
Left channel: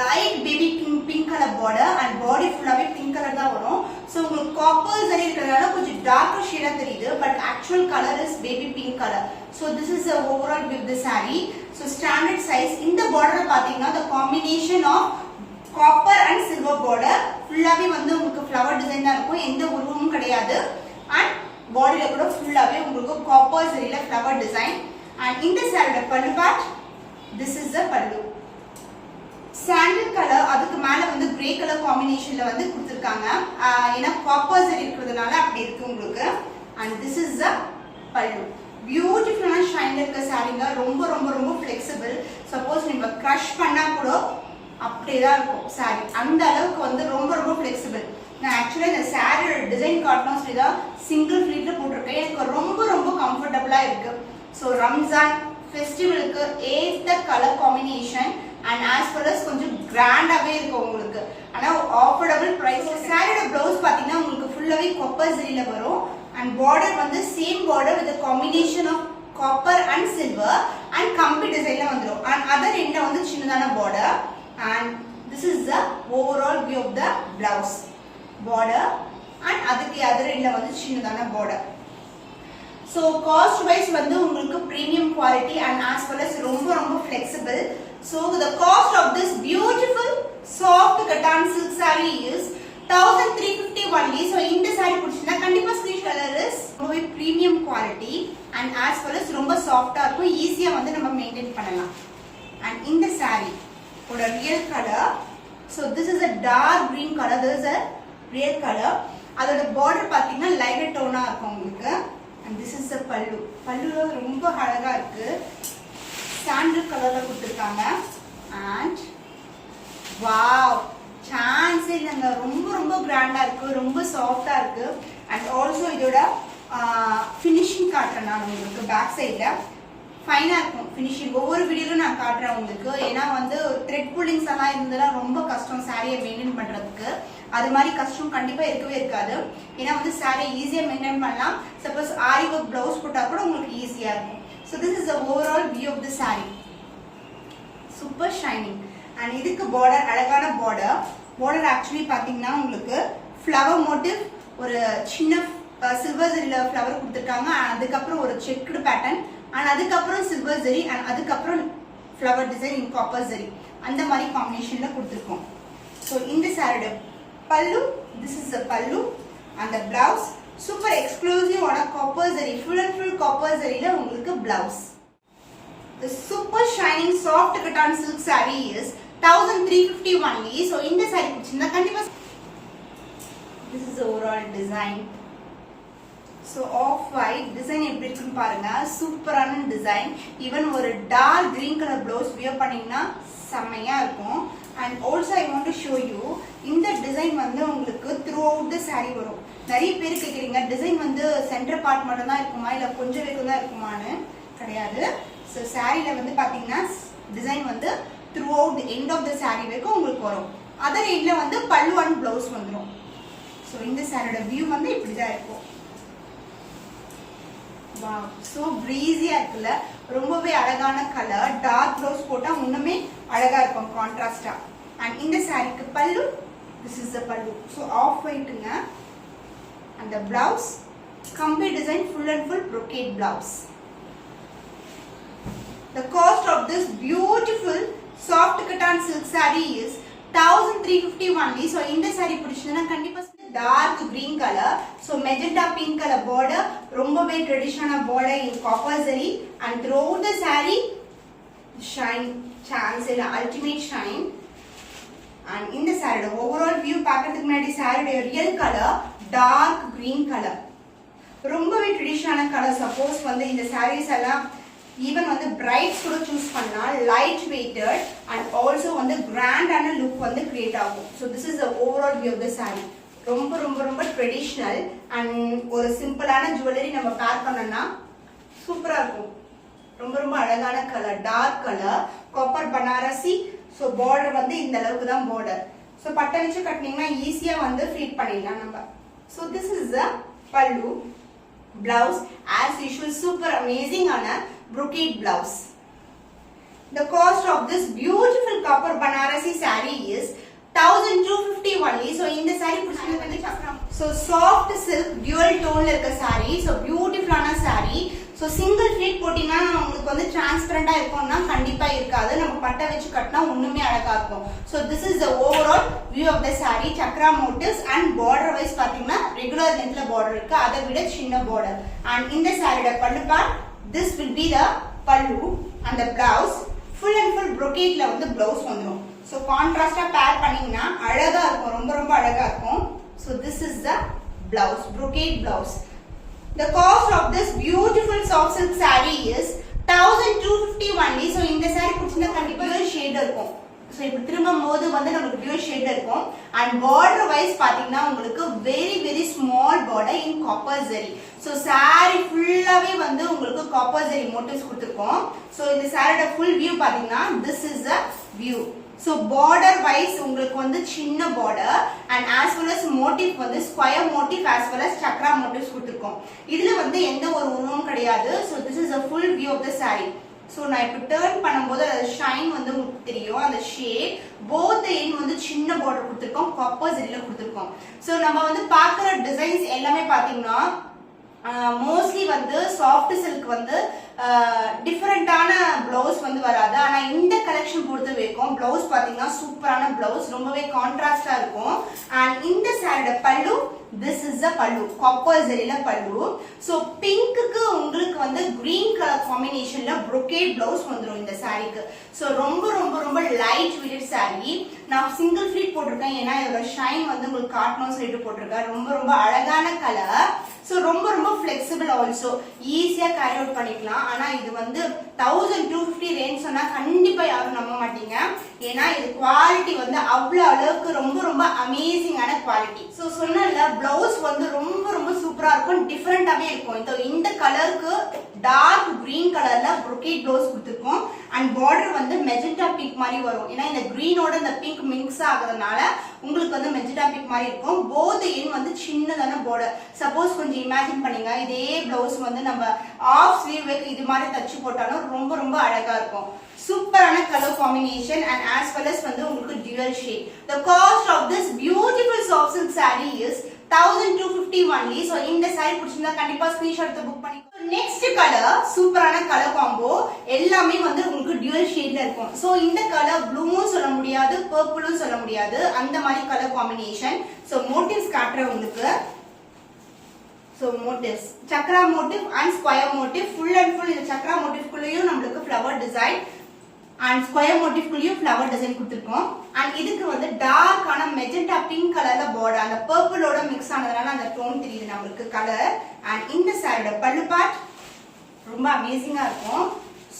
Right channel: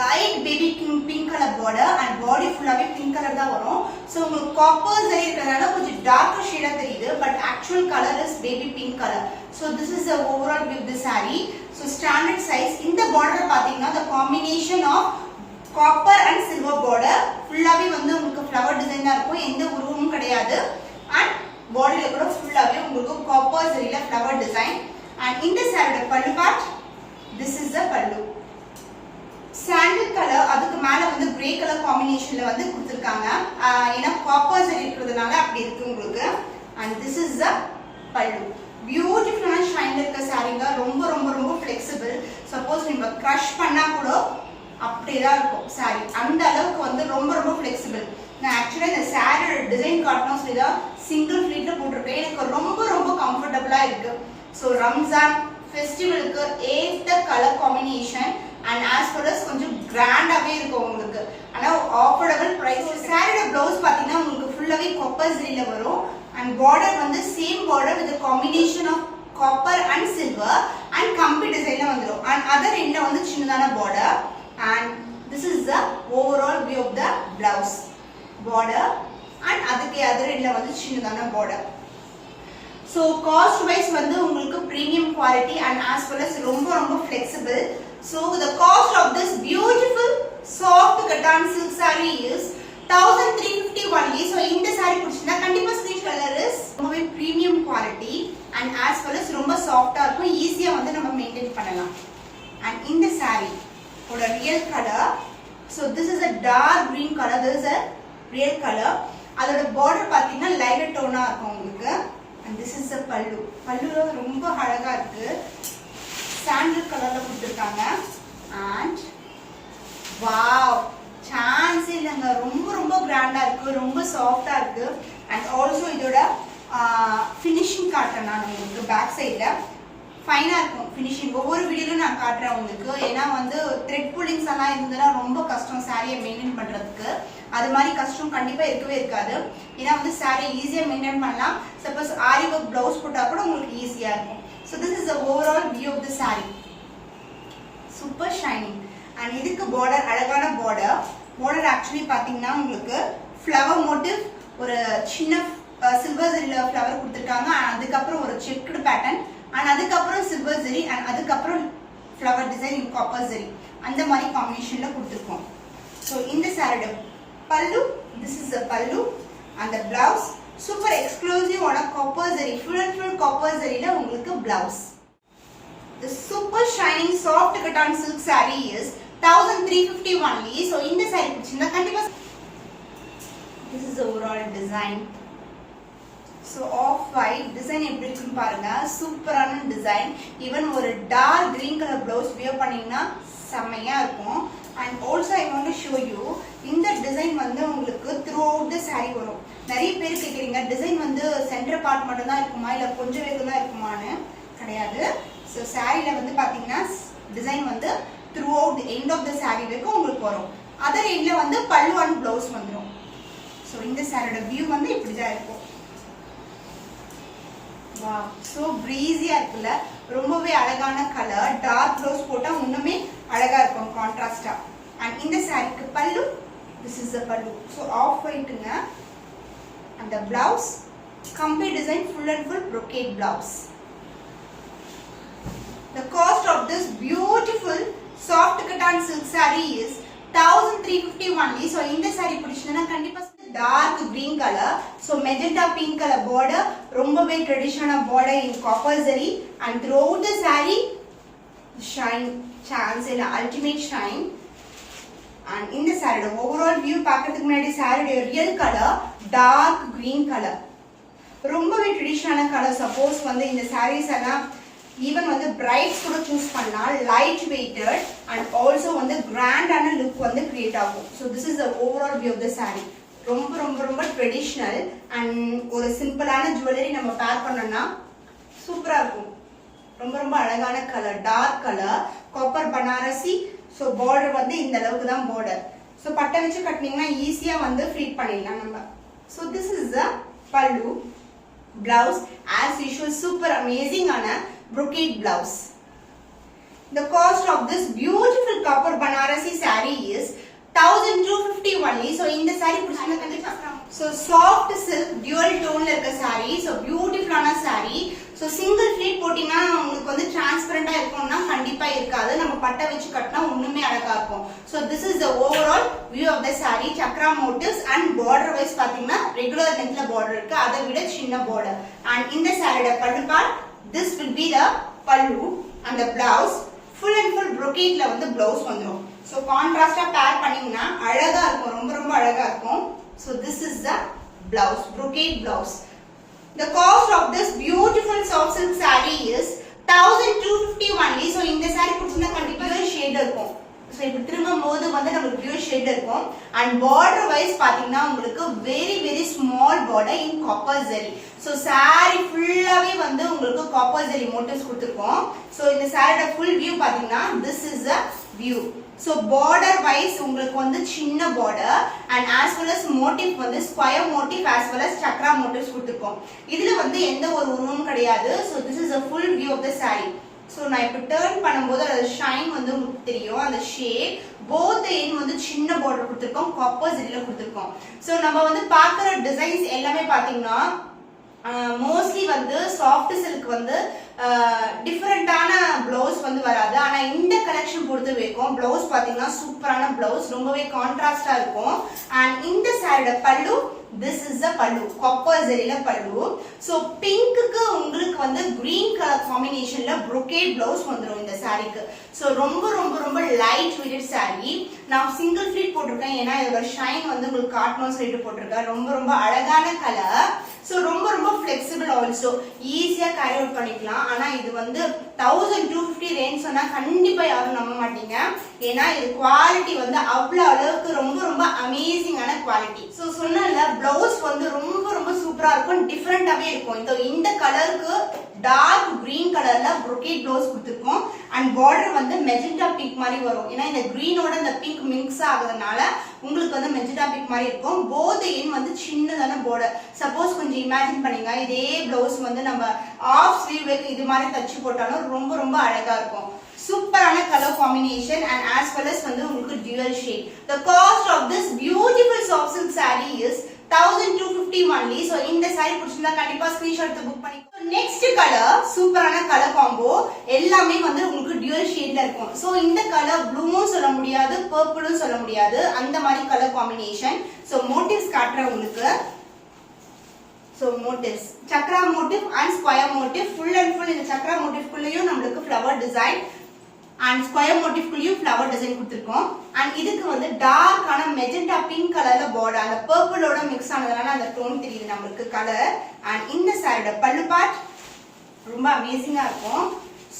light baby pink color border and body ஃபுல்லாவே pink color தான் வரும். so உங்களுக்கு காப்பர் சரி இருக்கறதால கொஞ்சம் டார்க்கர் ஷேடா தெரியுது, but actual color is baby pink color. so this is the overall view of the saree. so standard size. இந்த border பாத்தீங்கன்னா the combination of copper and silver border, ஃபுல்லாவே வந்து உங்களுக்கு flower design தான் இருக்கும், எந்த உருவமும் கிடையாது. and பாடியில கூட ஃபுல்லாவே உங்களுக்கு காப்பர் சரியில ஃப்ளவர் டிசைன். and இந்த சாரியோட pallu part, this is the pallu. Sandal colour, அதுக்கு மேல வந்து கிரே கலர் காம்பினேஷன்ல வந்து கொடுத்திருக்காங்க. ஏன்னா காப்பர் சரி இருக்கிறதுனால அப்படி இருக்கு உங்களுக்கு. and this is the pallu. பியூட்டிஃபுல்லான ஷைன்ல இருக்க சாரீங்க. ரொம்ப ரொம்ப ரொம்ப ஃபிளெக்சிபிள். சப்போஸ் நீங்க கிரஷ் பண்ணா கூட அப்படியே தான் இருக்கும் சாரி. அந்த அளவுக்கு வந்து ரொம்ப ரொம்ப ஃபிளெக்சிபிள். நான் ஆக்சுவலா இந்த சாரியோட டிசைன் காட்டணும் சொல்லி தான் சிங்கிள் ஃபிளீட்ல போட்டிருக்கேன். எனக்கு ரொம்ப ரொம்ப கம்ஃபர்டபுளா இருக்கு. ஸோ ரம்ஜான் ஃபெஸ்டிவலுக்கு ஏத்த colour combination and as well as கொஞ்சம் கிராண்டாவே இருக்கும் உங்களுக்கு. ஆனா ஆஃபர்டபிள் பிரைஸ். சாரியோட பிளவுஸ் பாத்தீங்கன்னா உங்களுக்கு ஃபுல்லாவே காப்பர் சரியில வரும். and border வந்து same border with a combination of copper and silver and கம்பி டிசைன்ல வந்துரும். and other endல வந்து சின்னதான border. and this is the overall view of the blouse. border and அதுக்கு other endல வந்து சின்னதான border. so cost wise வந்து உங்களுக்கு premium quality and as well as ரொம்ப ரொம்ப flexible. so the cost of this beautiful soft cotton silk saree is 1350 only. so இந்த saree பிடிச்சிருந்தா கண்டிப்பா screenshot colour is ரொம்பவே premium quality and as well as ரொம்ப சாஃப்ட்டா இருக்கும், ஈஸியா வந்து நம்ம மெயின்டைன் பண்ணலாம். and இந்த saree ஓட real color, so this is a dark green color, this is a real color. அதோட border பாத்தீங்கன்னா lighter tone-ஆ இருக்கும் உங்களுக்கு. and this is the pallu. pallu ரொம்ப அழகா இருக்கு, சாண்டல் கலர்ல கொடுத்திருக்காங்க. and wow, சான்ஸ் இல்லங்க, ரொம்ப ரொம்ப கிராண்டா இருக்கு, ரொம்ப சாஃப்ட்டா இருக்கு. and also இதோட ஃபினிஷிங் காட்டுறேன் நான் உங்களுக்கு பேக் சைடுல. ஃபைனா இருக்கும் ஃபினிஷிங். ஒவ்வொரு வீடியோலும் நான் காட்டுறேன் உங்களுக்கு. ஏன்னா வந்து த்ரெட் புல்லிங்ஸ் எல்லாம் இருந்ததுன்னா ரொம்ப கஷ்டம் சாரியை மெயின்டைன் பண்றதுக்கு. அது மாதிரி கஷ்டம் கண்டிப்பா இருக்கவே இருக்காது. ஏன்னா வந்து சாரியை ஈஸியா மெயின்டைன் பண்ணலாம். சப்போஸ் ஆரி ஒர்க் பிளவுஸ் போட்டா கூட உங்களுக்கு ஈஸியா இருக்கும். So this is the overall view of the sari. Super shining. And இதுக்கு பார்டர், அழகான பார்டர். பார்டர் ஆக்சுவலி பாத்தீங்கன்னா உங்களுக்கு ஃப்ளவர் மோட்டிவ், ஒரு சின்ன சில்வர் ஜெரியில ஃப்ளவர் கொடுத்துருக்காங்க. அதுக்கப்புறம் ஒரு செக்குடு பேட்டர்ன், அண்ட் அதுக்கப்புறம் சில்வர் ஜெரி, அண்ட் அதுக்கப்புறம் ஃப்ளவர் டிசைன் இன் காப்பர் ஜெரி, அந்த மாதிரி காம்பினேஷன்ல கொடுத்துருக்கோம். ஸோ இந்த சாரியோட பல்லு, திஸ் இஸ் த பல்லு. அந்த பிளவுஸ் சூப்பர் எக்ஸ்க்ளூசிவான copper zari, full and full copper ஜெரியில உங்களுக்கு blouse. The super shining soft cotton silk saree is 1350 only. So in the saree பிடிச்சிருந்தா கண்டிப்பா. This is the overall design. So off white design எப்படி இருக்குன்னு பாருங்க. சூப்பரான டிசைன். ஈவன் ஒரு dark green colour blouse wear பண்ணீங்கன்னா செம்மையா இருக்கும். And also I want to show you இந்த டிசைன் வந்து உங்களுக்கு throughout the saree வரும். நிறைய பேர் கேக்குறீங்க டிசைன் வந்து சென்டர் பார்ட் மட்டும் தான் இருக்குமா இல்ல கொஞ்சம் வரைக்கும் தான் இருக்குமான்னு. கிடையாது. ஸோ சாரியில வந்து பாத்தீங்கன்னா டிசைன் வந்து throughout end of the sari வரைக்கும் உங்களுக்கு வரும். அதர் எண்ட்ல வந்து பல்லு அண்ட் பிளவுஸ் வந்துடும். ஸோ இந்த சாரியோட வியூ வந்து இப்படிதான் இருக்கும். வாவ், சோ பிரீஸியா இருக்குல்ல, ரொம்பவே அழகான கலர். டார்க் பிளவுஸ் போட்டா இன்னுமே அழகா இருக்கும் கான்ட்ராஸ்டா. அண்ட் இந்த சாரிக்கு பல்லு, this is the pallu. So off ஒயிட்டுங்க. அந்த blouse complete design full and full brocade blouse. The cost of this beautiful soft cotton silk saree is 1350 only. So இந்த saree பிடிச்சதுன்னா கண்டிப்பா dark green color, so magenta pink color border, ரொம்பவே traditional border in copper zari, and throughout the saree shine chance இல்ல ultimate shine. And இந்த saree overall view பார்க்கிறதுக்கு முன்னாடி saree real color dark green color, ரொம்பவே traditional color. Suppose வந்து இந்த sarees எல்லாம் even வந்து பிரைட்ஸ் கூட சூஸ் பண்ணலாம். லைட் வெயிட்டட் அண்ட் ஆல்சோ வந்து கிராண்டான லுக் வந்து கிரியேட் ஆகும். So this is the overall view of the sari. ரொம்ப ரொம்ப ரொம்ப ட்ரெடிஷ்னல் அண்ட் ஒரு சிம்பிளான ஜுவல்லரி நம்ம பேர் பண்ணோம்னா சூப்பரா இருக்கும். ரொம்ப ரொம்ப அழகான colour, dark colour, copper Banarasi. So border வந்து இந்த அளவுக்கு தான் பார்டர். ஸோ பட்டை வச்சு கட்டினீங்கன்னா ஈஸியா வந்து ஃபிட் பண்ணிடலாம் நம்ம. ஸோ திஸ் இஸ் த பல்லு. Blouse as usual super amazing ஆன brocade blouse. The cost of this beautiful copper Banarasi saree is 1250 only. So இந்த saree பிடிச்சது வந்து so soft silk dual tone ல இருக்க saree. So beautiful ஆன saree. So single pleat போட்டீங்கன்னா உங்களுக்கு வந்து டிரான்ஸ்பரண்டா இருக்கும்னா கண்டிப்பா இருக்காது. நம்ம பட்டை வச்சு கட்டினா இன்னுமே அழகா இருக்கும். So this is the overall view of the saree. chakra motifs and border wise பாத்தீங்கன்னா regular lengthல border இருக்கு, அதை விட சின்ன border. And இந்த சாரியோட பல்லு part, this will be the pallu, and the blouse full and full brocade ல வந்து blouse வந்துரும். So contrast pair பண்ணீங்கன்னா அழகா இருக்கும், ரொம்ப ரொம்ப அழகா இருக்கும். So this is the blouse, brocade blouse. The cost of this beautiful soft silk saree is 1250 only. So இந்த saree பிடிச்சிருந்தா கண்டிப்பா ஷேட் இருக்கும். So இப்படி திரும்பும் போது வந்து நமக்கு பியூர் ஷேட் இருக்கும். And border wise பாத்தீங்கன்னா உங்களுக்கு very very small border in copper zari. So saree ஃபுல்லாவே வந்து உங்களுக்கு copper zari motifs கொடுத்திருக்கோம். So இந்த சாரியோட full view பாத்தீங்கன்னா this is the view. So border wise உங்களுக்கு வந்து சின்ன border and as well as motif வந்து square motif as well as chakra motifs கொடுத்திருக்கோம். இதுல வந்து எந்த ஒரு உருவமும் கிடையாது. So this is a full view of the saree. So நான் இப்ப டர்ன் பண்ணும்போது அந்த ஷைன் வந்து உங்களுக்கு தெரியும். அந்த ஷேட் both end வந்து சின்ன border கொடுத்திருக்கோம், copper zari கொடுத்திருக்கோம். So நம்ம வந்து பார்க்குற டிசைன்ஸ் எல்லாமே பாத்தீங்கன்னா மோஸ்ட்லி வந்து சாஃப்ட் சில்க் வந்து டிஃபரெண்டான பிளவுஸ் வந்து வராது. ஆனா இந்த கலெக்ஷன் பொறுத்த வரைக்கும் பிளவுஸ் பாத்தீங்கன்னா சூப்பரான பிளவுஸ், ரொம்பவே கான்ட்ராஸ்டா இருக்கும். அண்ட் இந்த சாரியோட பல்லு, this is the pallu, copper zari la pallu. So pink க்கு உங்களுக்கு வந்து green color combination ல brocade blouse வந்துரும் இந்த சாரிக்கு. So ரொம்ப ரொம்ப ரொம்ப light weighted saree. நான் single pleat போட்டிருக்கேன் ஏன்னா இதோட ஷைன் வந்து உங்களுக்கு காட்டணும்னு சொல்லிட்டு போட்டிருக்கேன். ரொம்ப ரொம்ப அழகான கலர். So ரொம்ப ரொம்ப flexible also, ஈஸியா கேரி அவுட் பண்ணிக்கலாம். ஆனா இது வந்து 1250 ரேஞ்ச் சொன்னா கண்டிப்பா யாரும் நம்ப மாட்டீங்க. ஏன்னா இது குவாலிட்டி வந்து அவ்வளவு அளவுக்கு ரொம்ப ரொம்ப அமேசிங்கான குவாலிட்டி. சோ சொன்னல பிளவுஸ் வந்து ரொம்ப ரொம்ப சூப்பரா இருக்கும், டிஃபரெண்டாவே இருக்கும். இந்த கலருக்கு டார்க் கிரீன் கலர்ல brocade ப்ளவுஸ் கொடுத்துருக்கோம் அண்ட் பார்டர் வந்து மெஜெண்டா பிங்க் மாதிரி வரும். ஏன்னா இந்த கிரீனோட இந்த பிங்க் மிக்ஸ் ஆகுறதுனால உங்களுக்கு வந்து மெஜெண்டா பிங்க் மாதிரி இருக்கும். போத் எண்ட் வந்து சின்னதான பார்டர். சப்போஸ் கொஞ்சம் இமேஜின் பண்ணுங்க, இதே ப்ளவுஸ் வந்து நம்ம ஆஃப் ஸ்லீவ் இது மாதிரி தச்சு போட்டாலும் ரொம்ப ரொம்ப அழகா இருக்கும். சூப்பரான colour combination and as well as வந்து உங்களுக்கு dual shade. The cost of this beautiful soft silk saree is 1250 only. So இந்த saree பிடிச்சிருந்தா கண்டிப்பா ஸ்கிரீன்ஷாட் எடுத்து புக் பண்ணிக்கோங்க. நெக்ஸ்ட் கலர் சூப்பரான கலர் காம்போ, எல்லாமே வந்து உங்களுக்கு dual shadeல இருக்கும். சோ இந்த கலர் ப்ளூவும் சொல்ல முடியாது, பர்பிளும் சொல்ல முடியாது, அந்த மாதிரி கலர் காம்பினேஷன். சோ மோட்டிவ்ஸ் காட்டுறேன் உங்களுக்கு. So motifs, chakra motif and square motif, full and full இந்த chakra motif குள்ளேயும் நமக்கு flower design and square motif குள்ளேயும் flower design கொடுத்திருக்கோம். and இதுக்கு வந்து டார்க் ஆன மெஜெண்டா பிங்க் கலர்ல border, அந்த பர்பிளோட மிக்ஸ் ஆனதுனால அந்த டோன் தெரியுது நமக்கு கலர். and இந்த சாரியோட பல்லு பார்ட் ரொம்ப அமேசிங்கா இருக்கும்.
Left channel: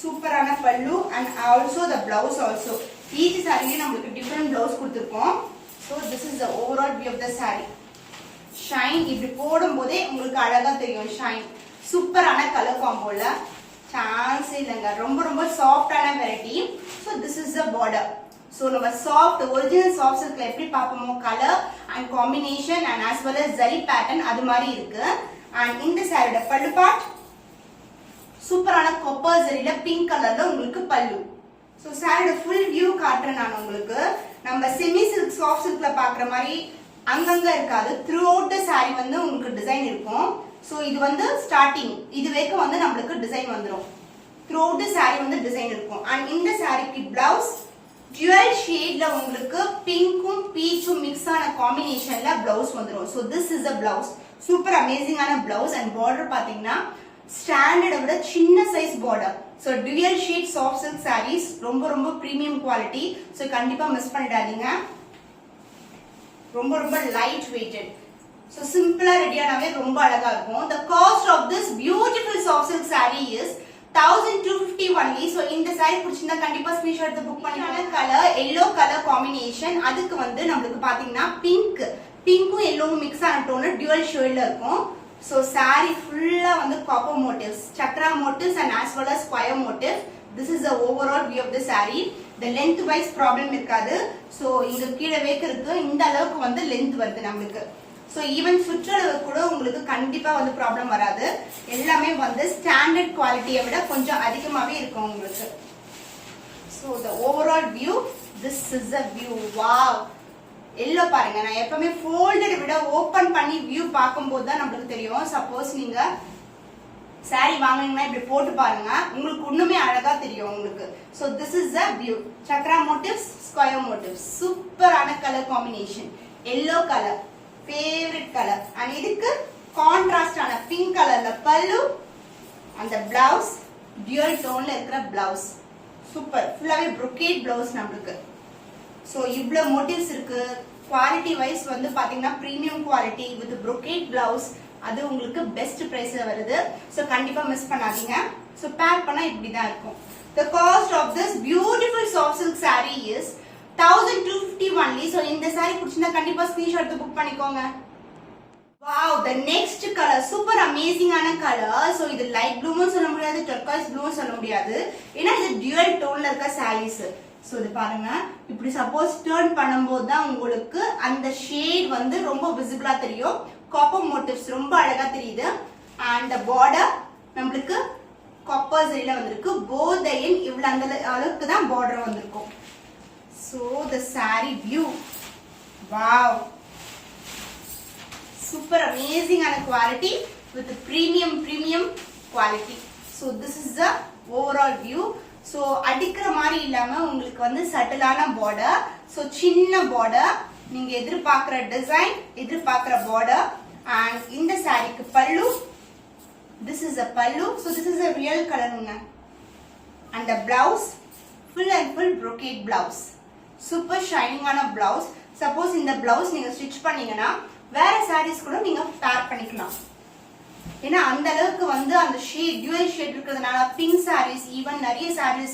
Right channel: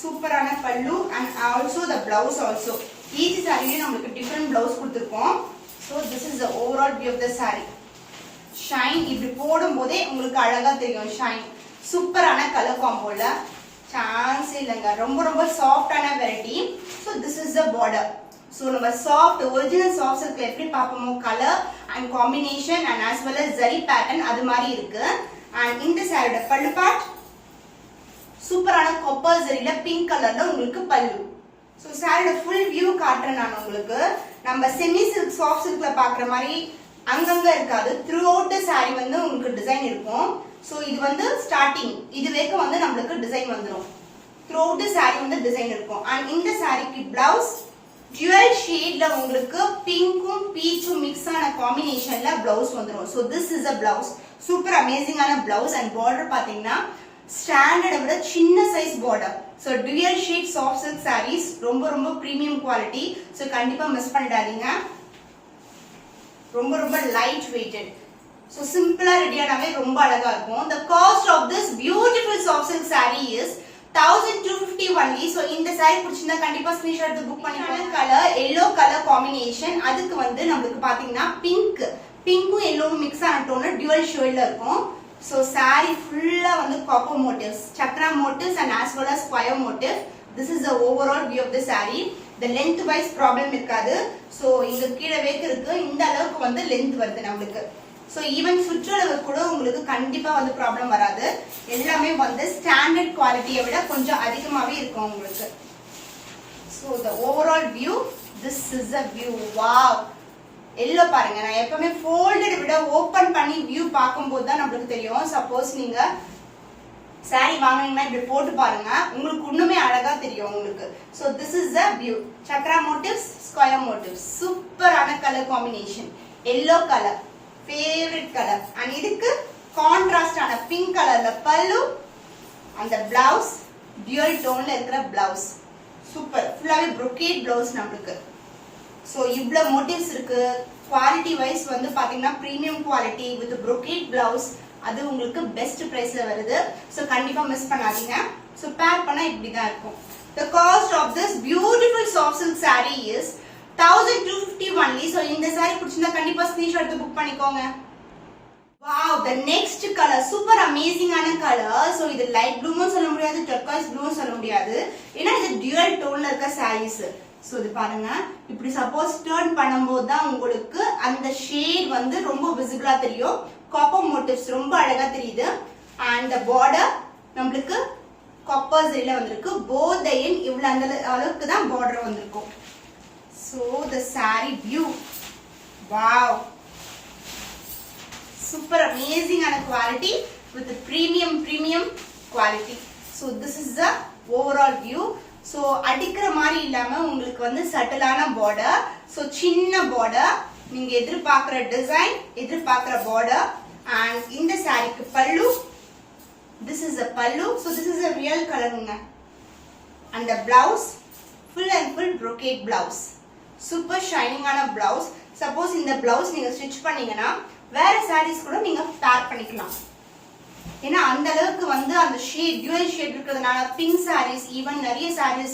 சூப்பரான பல்லு and also the blouse also. each சாரியில நமக்கு different blouse கொடுத்திருக்கோம். so this is the overall view of the saree. Shine இப்படி போடும் போதே உங்களுக்கு அழகா தெரியும் ஷைன். சூப்பரான கலர் காம்போல சான்ஸ் இல்லைங்க, ரொம்ப ரொம்ப சாஃப்டான வெரைட்டி. So this is the border. So நம்ம சாஃப்ட் ஒரிஜினல் சாஃப்ட் சில்க்ல எப்படி பார்ப்போமோ colour and combination and as well as zari pattern அது மாதிரி இருக்கு. அண்ட் இந்த சாரியோட பல்லு பார்ட் சூப்பரான கொப்பர் ஜரியில பிங்க் கலர்ல உங்களுக்கு பல்லு. ஸோ சாரியோட ஃபுல் வியூ காட்டுறேன் நான் உங்களுக்கு. நம்ம செமி சில்க் சாஃப்ட் சில்க்ல பாக்குற மாதிரி அங்கங்க இருக்காது. த்ரூ அவுட் த சாரி வந்து உங்களுக்கு டிசைன் இருக்கும். சோ இது வந்து ஸ்டார்டிங் இது வரைக்கும் வந்து நம்மளுக்கு டிசைன் வந்துரும். த்ரூ அவுட் த சாரி வந்து டிசைன் இருக்கும். அண்ட் இந்த சாரிக்கு பிளவுஸ் dual ஷேட்ல உங்களுக்கு பிங்க்கும் பீச்சும் மிக்ஸ் ஆன காம்பினேஷன்ல பிளவுஸ் வந்துரும். So this is a blouse. Super அமேசிங்கான பிளவுஸ் அண்ட் பார்டர் பாத்தீங்கன்னா ஸ்டாண்டர்டை விட சின்ன size border. So dual shade soft silk saris ரொம்ப ரொம்ப பிரீமியம் குவாலிட்டி. சோ கண்டிப்பா மிஸ் பண்ணிடாதீங்க. ரொம்ப ரொம்ப லைட் வெயிட்டட். சோ சிம்பிளா ரெடியானாவே ரொம்ப அழகா இருக்கும். the cost of this beautiful soft silk saree is 1250 only. So இந்த saree பிடிச்சிருந்தா கண்டிப்பா ஸ்கிரீன்ஷாட் எடுத்து புக் பண்ணிக்கோங்க. கலர் yellow கலர் காம்பினேஷன், அதுக்கு வந்து நமக்கு பாத்தீங்கன்னா பிங்க்கும் yellowவும் மிக்ஸ் ஆன டோன் dual ஷேட்ல இருக்கும். சோ saree ஃபுல்லா வந்து copper motifs, chakra motifs and as well as square motif. This is the overall view of the saree. The length wise problem இருக்காது. So இங்க கீழே வேக் இருக்கு, இந்த அளவுக்கு வந்து லென்த் வருது நமக்கு. சோ ஈவன் சுற்றளவு கூட உங்களுக்கு கண்டிப்பா வந்து ப்ராப்ளம் வராது. எல்லாமே வந்து ஸ்டாண்டர்ட் குவாலிட்டியை விட கொஞ்சம் அதிகமாவே இருக்கும் உங்களுக்கு. So the overall view, this is the view. wow, yellow பாருங்க. நான் எப்பவுமே ஃபோல்டட் விட ஓபன் பண்ணி வியூ பார்க்கும்போது தான் நமக்கு தெரியும். சப்போஸ் நீங்க சாரி வாங்குனீங்கன்னா இப்படி போட்டு பாருங்க, உங்களுக்கு இன்னுமே அழகா தெரியும் உங்களுக்கு. So this is the view. Chakra motifs, square motifs, சூப்பரான colour combination. Yellow colour favourite colour. And இதுக்கு கான்ட்ராஸ்டான பிங்க் கலர்ல பல்லு, அந்த பிளவுஸ் டியூல் டோன்ல இருக்கிற பிளவுஸ். சூப்பர், ஃபுல்லாவே brocade பிளவுஸ் நமக்கு. சோ இவ்ளோ மோட்டிவ்ஸ் இருக்கு. குவாலிட்டி வைஸ் வந்து பாத்தீங்கன்னா premium quality with brocade blouse. அது உங்களுக்கு பெஸ்ட் பிரைஸ்ல வருது. சோ கண்டிப்பா மிஸ் பண்ணாதீங்க. சோ பேர் பண்ணா இப்படி தான் இருக்கும். the cost of this beautiful soft silk saree is 1250 only. So இந்த saree பிடிச்சிருந்தா கண்டிப்பா ஸ்கிரீன்ஷாட் எடுத்து புக் பண்ணிக்கோங்க. wow, the next color super amazing ஆன கலர். சோ இது லைட் ப்ளூவும் சொல்ல முடியாது, டர்காய்ஸ் ப்ளூவும் சொல்ல முடியாது, ஏன்னா இது dual டோன்ல இருக்க sarees. சோ இது பாருங்க, இப்படி சப்போஸ் டர்ன் பண்ணும்போது தான் உங்களுக்கு அந்த ஷேட் வந்து ரொம்ப விசிபிளா தெரியும். காப்பர் மோட்டிவ்ஸ் ரொம்ப அழகா தெரியுது. அண்ட் the border நமக்கு காப்பர் ஜரியில வந்திருக்கு. both the end இவ்வளவு அந்த அளவுக்கு தான் border வந்திருக்கும். so the saree view, wow, super amazing ஆன quality with premium quality. so this is the overall view. So அடிக்கிற மாதிரி இல்லாம உங்களுக்கு வந்து சட்டிலான பார்டர். சோ சின்ன பார்டர், நீங்க எதிர்பார்க்கிற டிசைன், எதிர்பார்க்கிற பார்டர். அண்ட் இந்த சாரிக்கு பல்லு, this is a pallu. so this is a real color unga. and the blouse full and full brocade blouse, super shining ஆன blouse. suppose இந்த blouse நீங்க ஸ்டிட்ச் பண்ணீங்கன்னா வேற sarees கூட நீங்க பேர் பண்ணிக்கலாம். ஏன்னா அந்த அளவுக்கு வந்து அந்த ஷேட் டியூல் ஷேட் இருக்கிறதுனால பிங்க் sarees, ஈவன் நிறைய sarees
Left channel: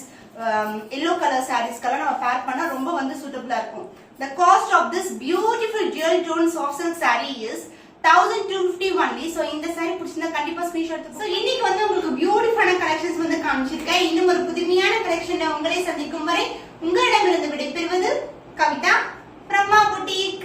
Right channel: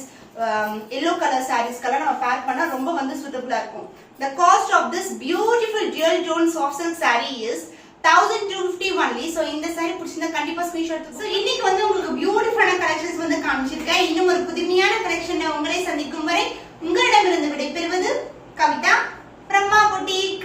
yellow color sarees கெல்லாம் நம்ம பேர் பண்ணா ரொம்ப வந்து சூட்டபிளா இருக்கும். the cost of this beautiful dual tone soft silk saree is 1250 only. So இந்த saree பிடிச்சிருந்தா கண்டிப்பா ஸ்கிரீன்ஷாட் எடுத்து. So இன்னைக்கு வந்து உங்களுக்கு பியூட்டிஃபுல்லான கலெக்ஷன்ஸ் வந்து காமிச்சிருக்கேன். இன்னும் ஒரு புதுமையான கலெக்ஷன்ல உங்களை சந்திக்கும் வரை உங்களிடமிருந்து விடைபெறுவது கவிதா from Ma Boutique.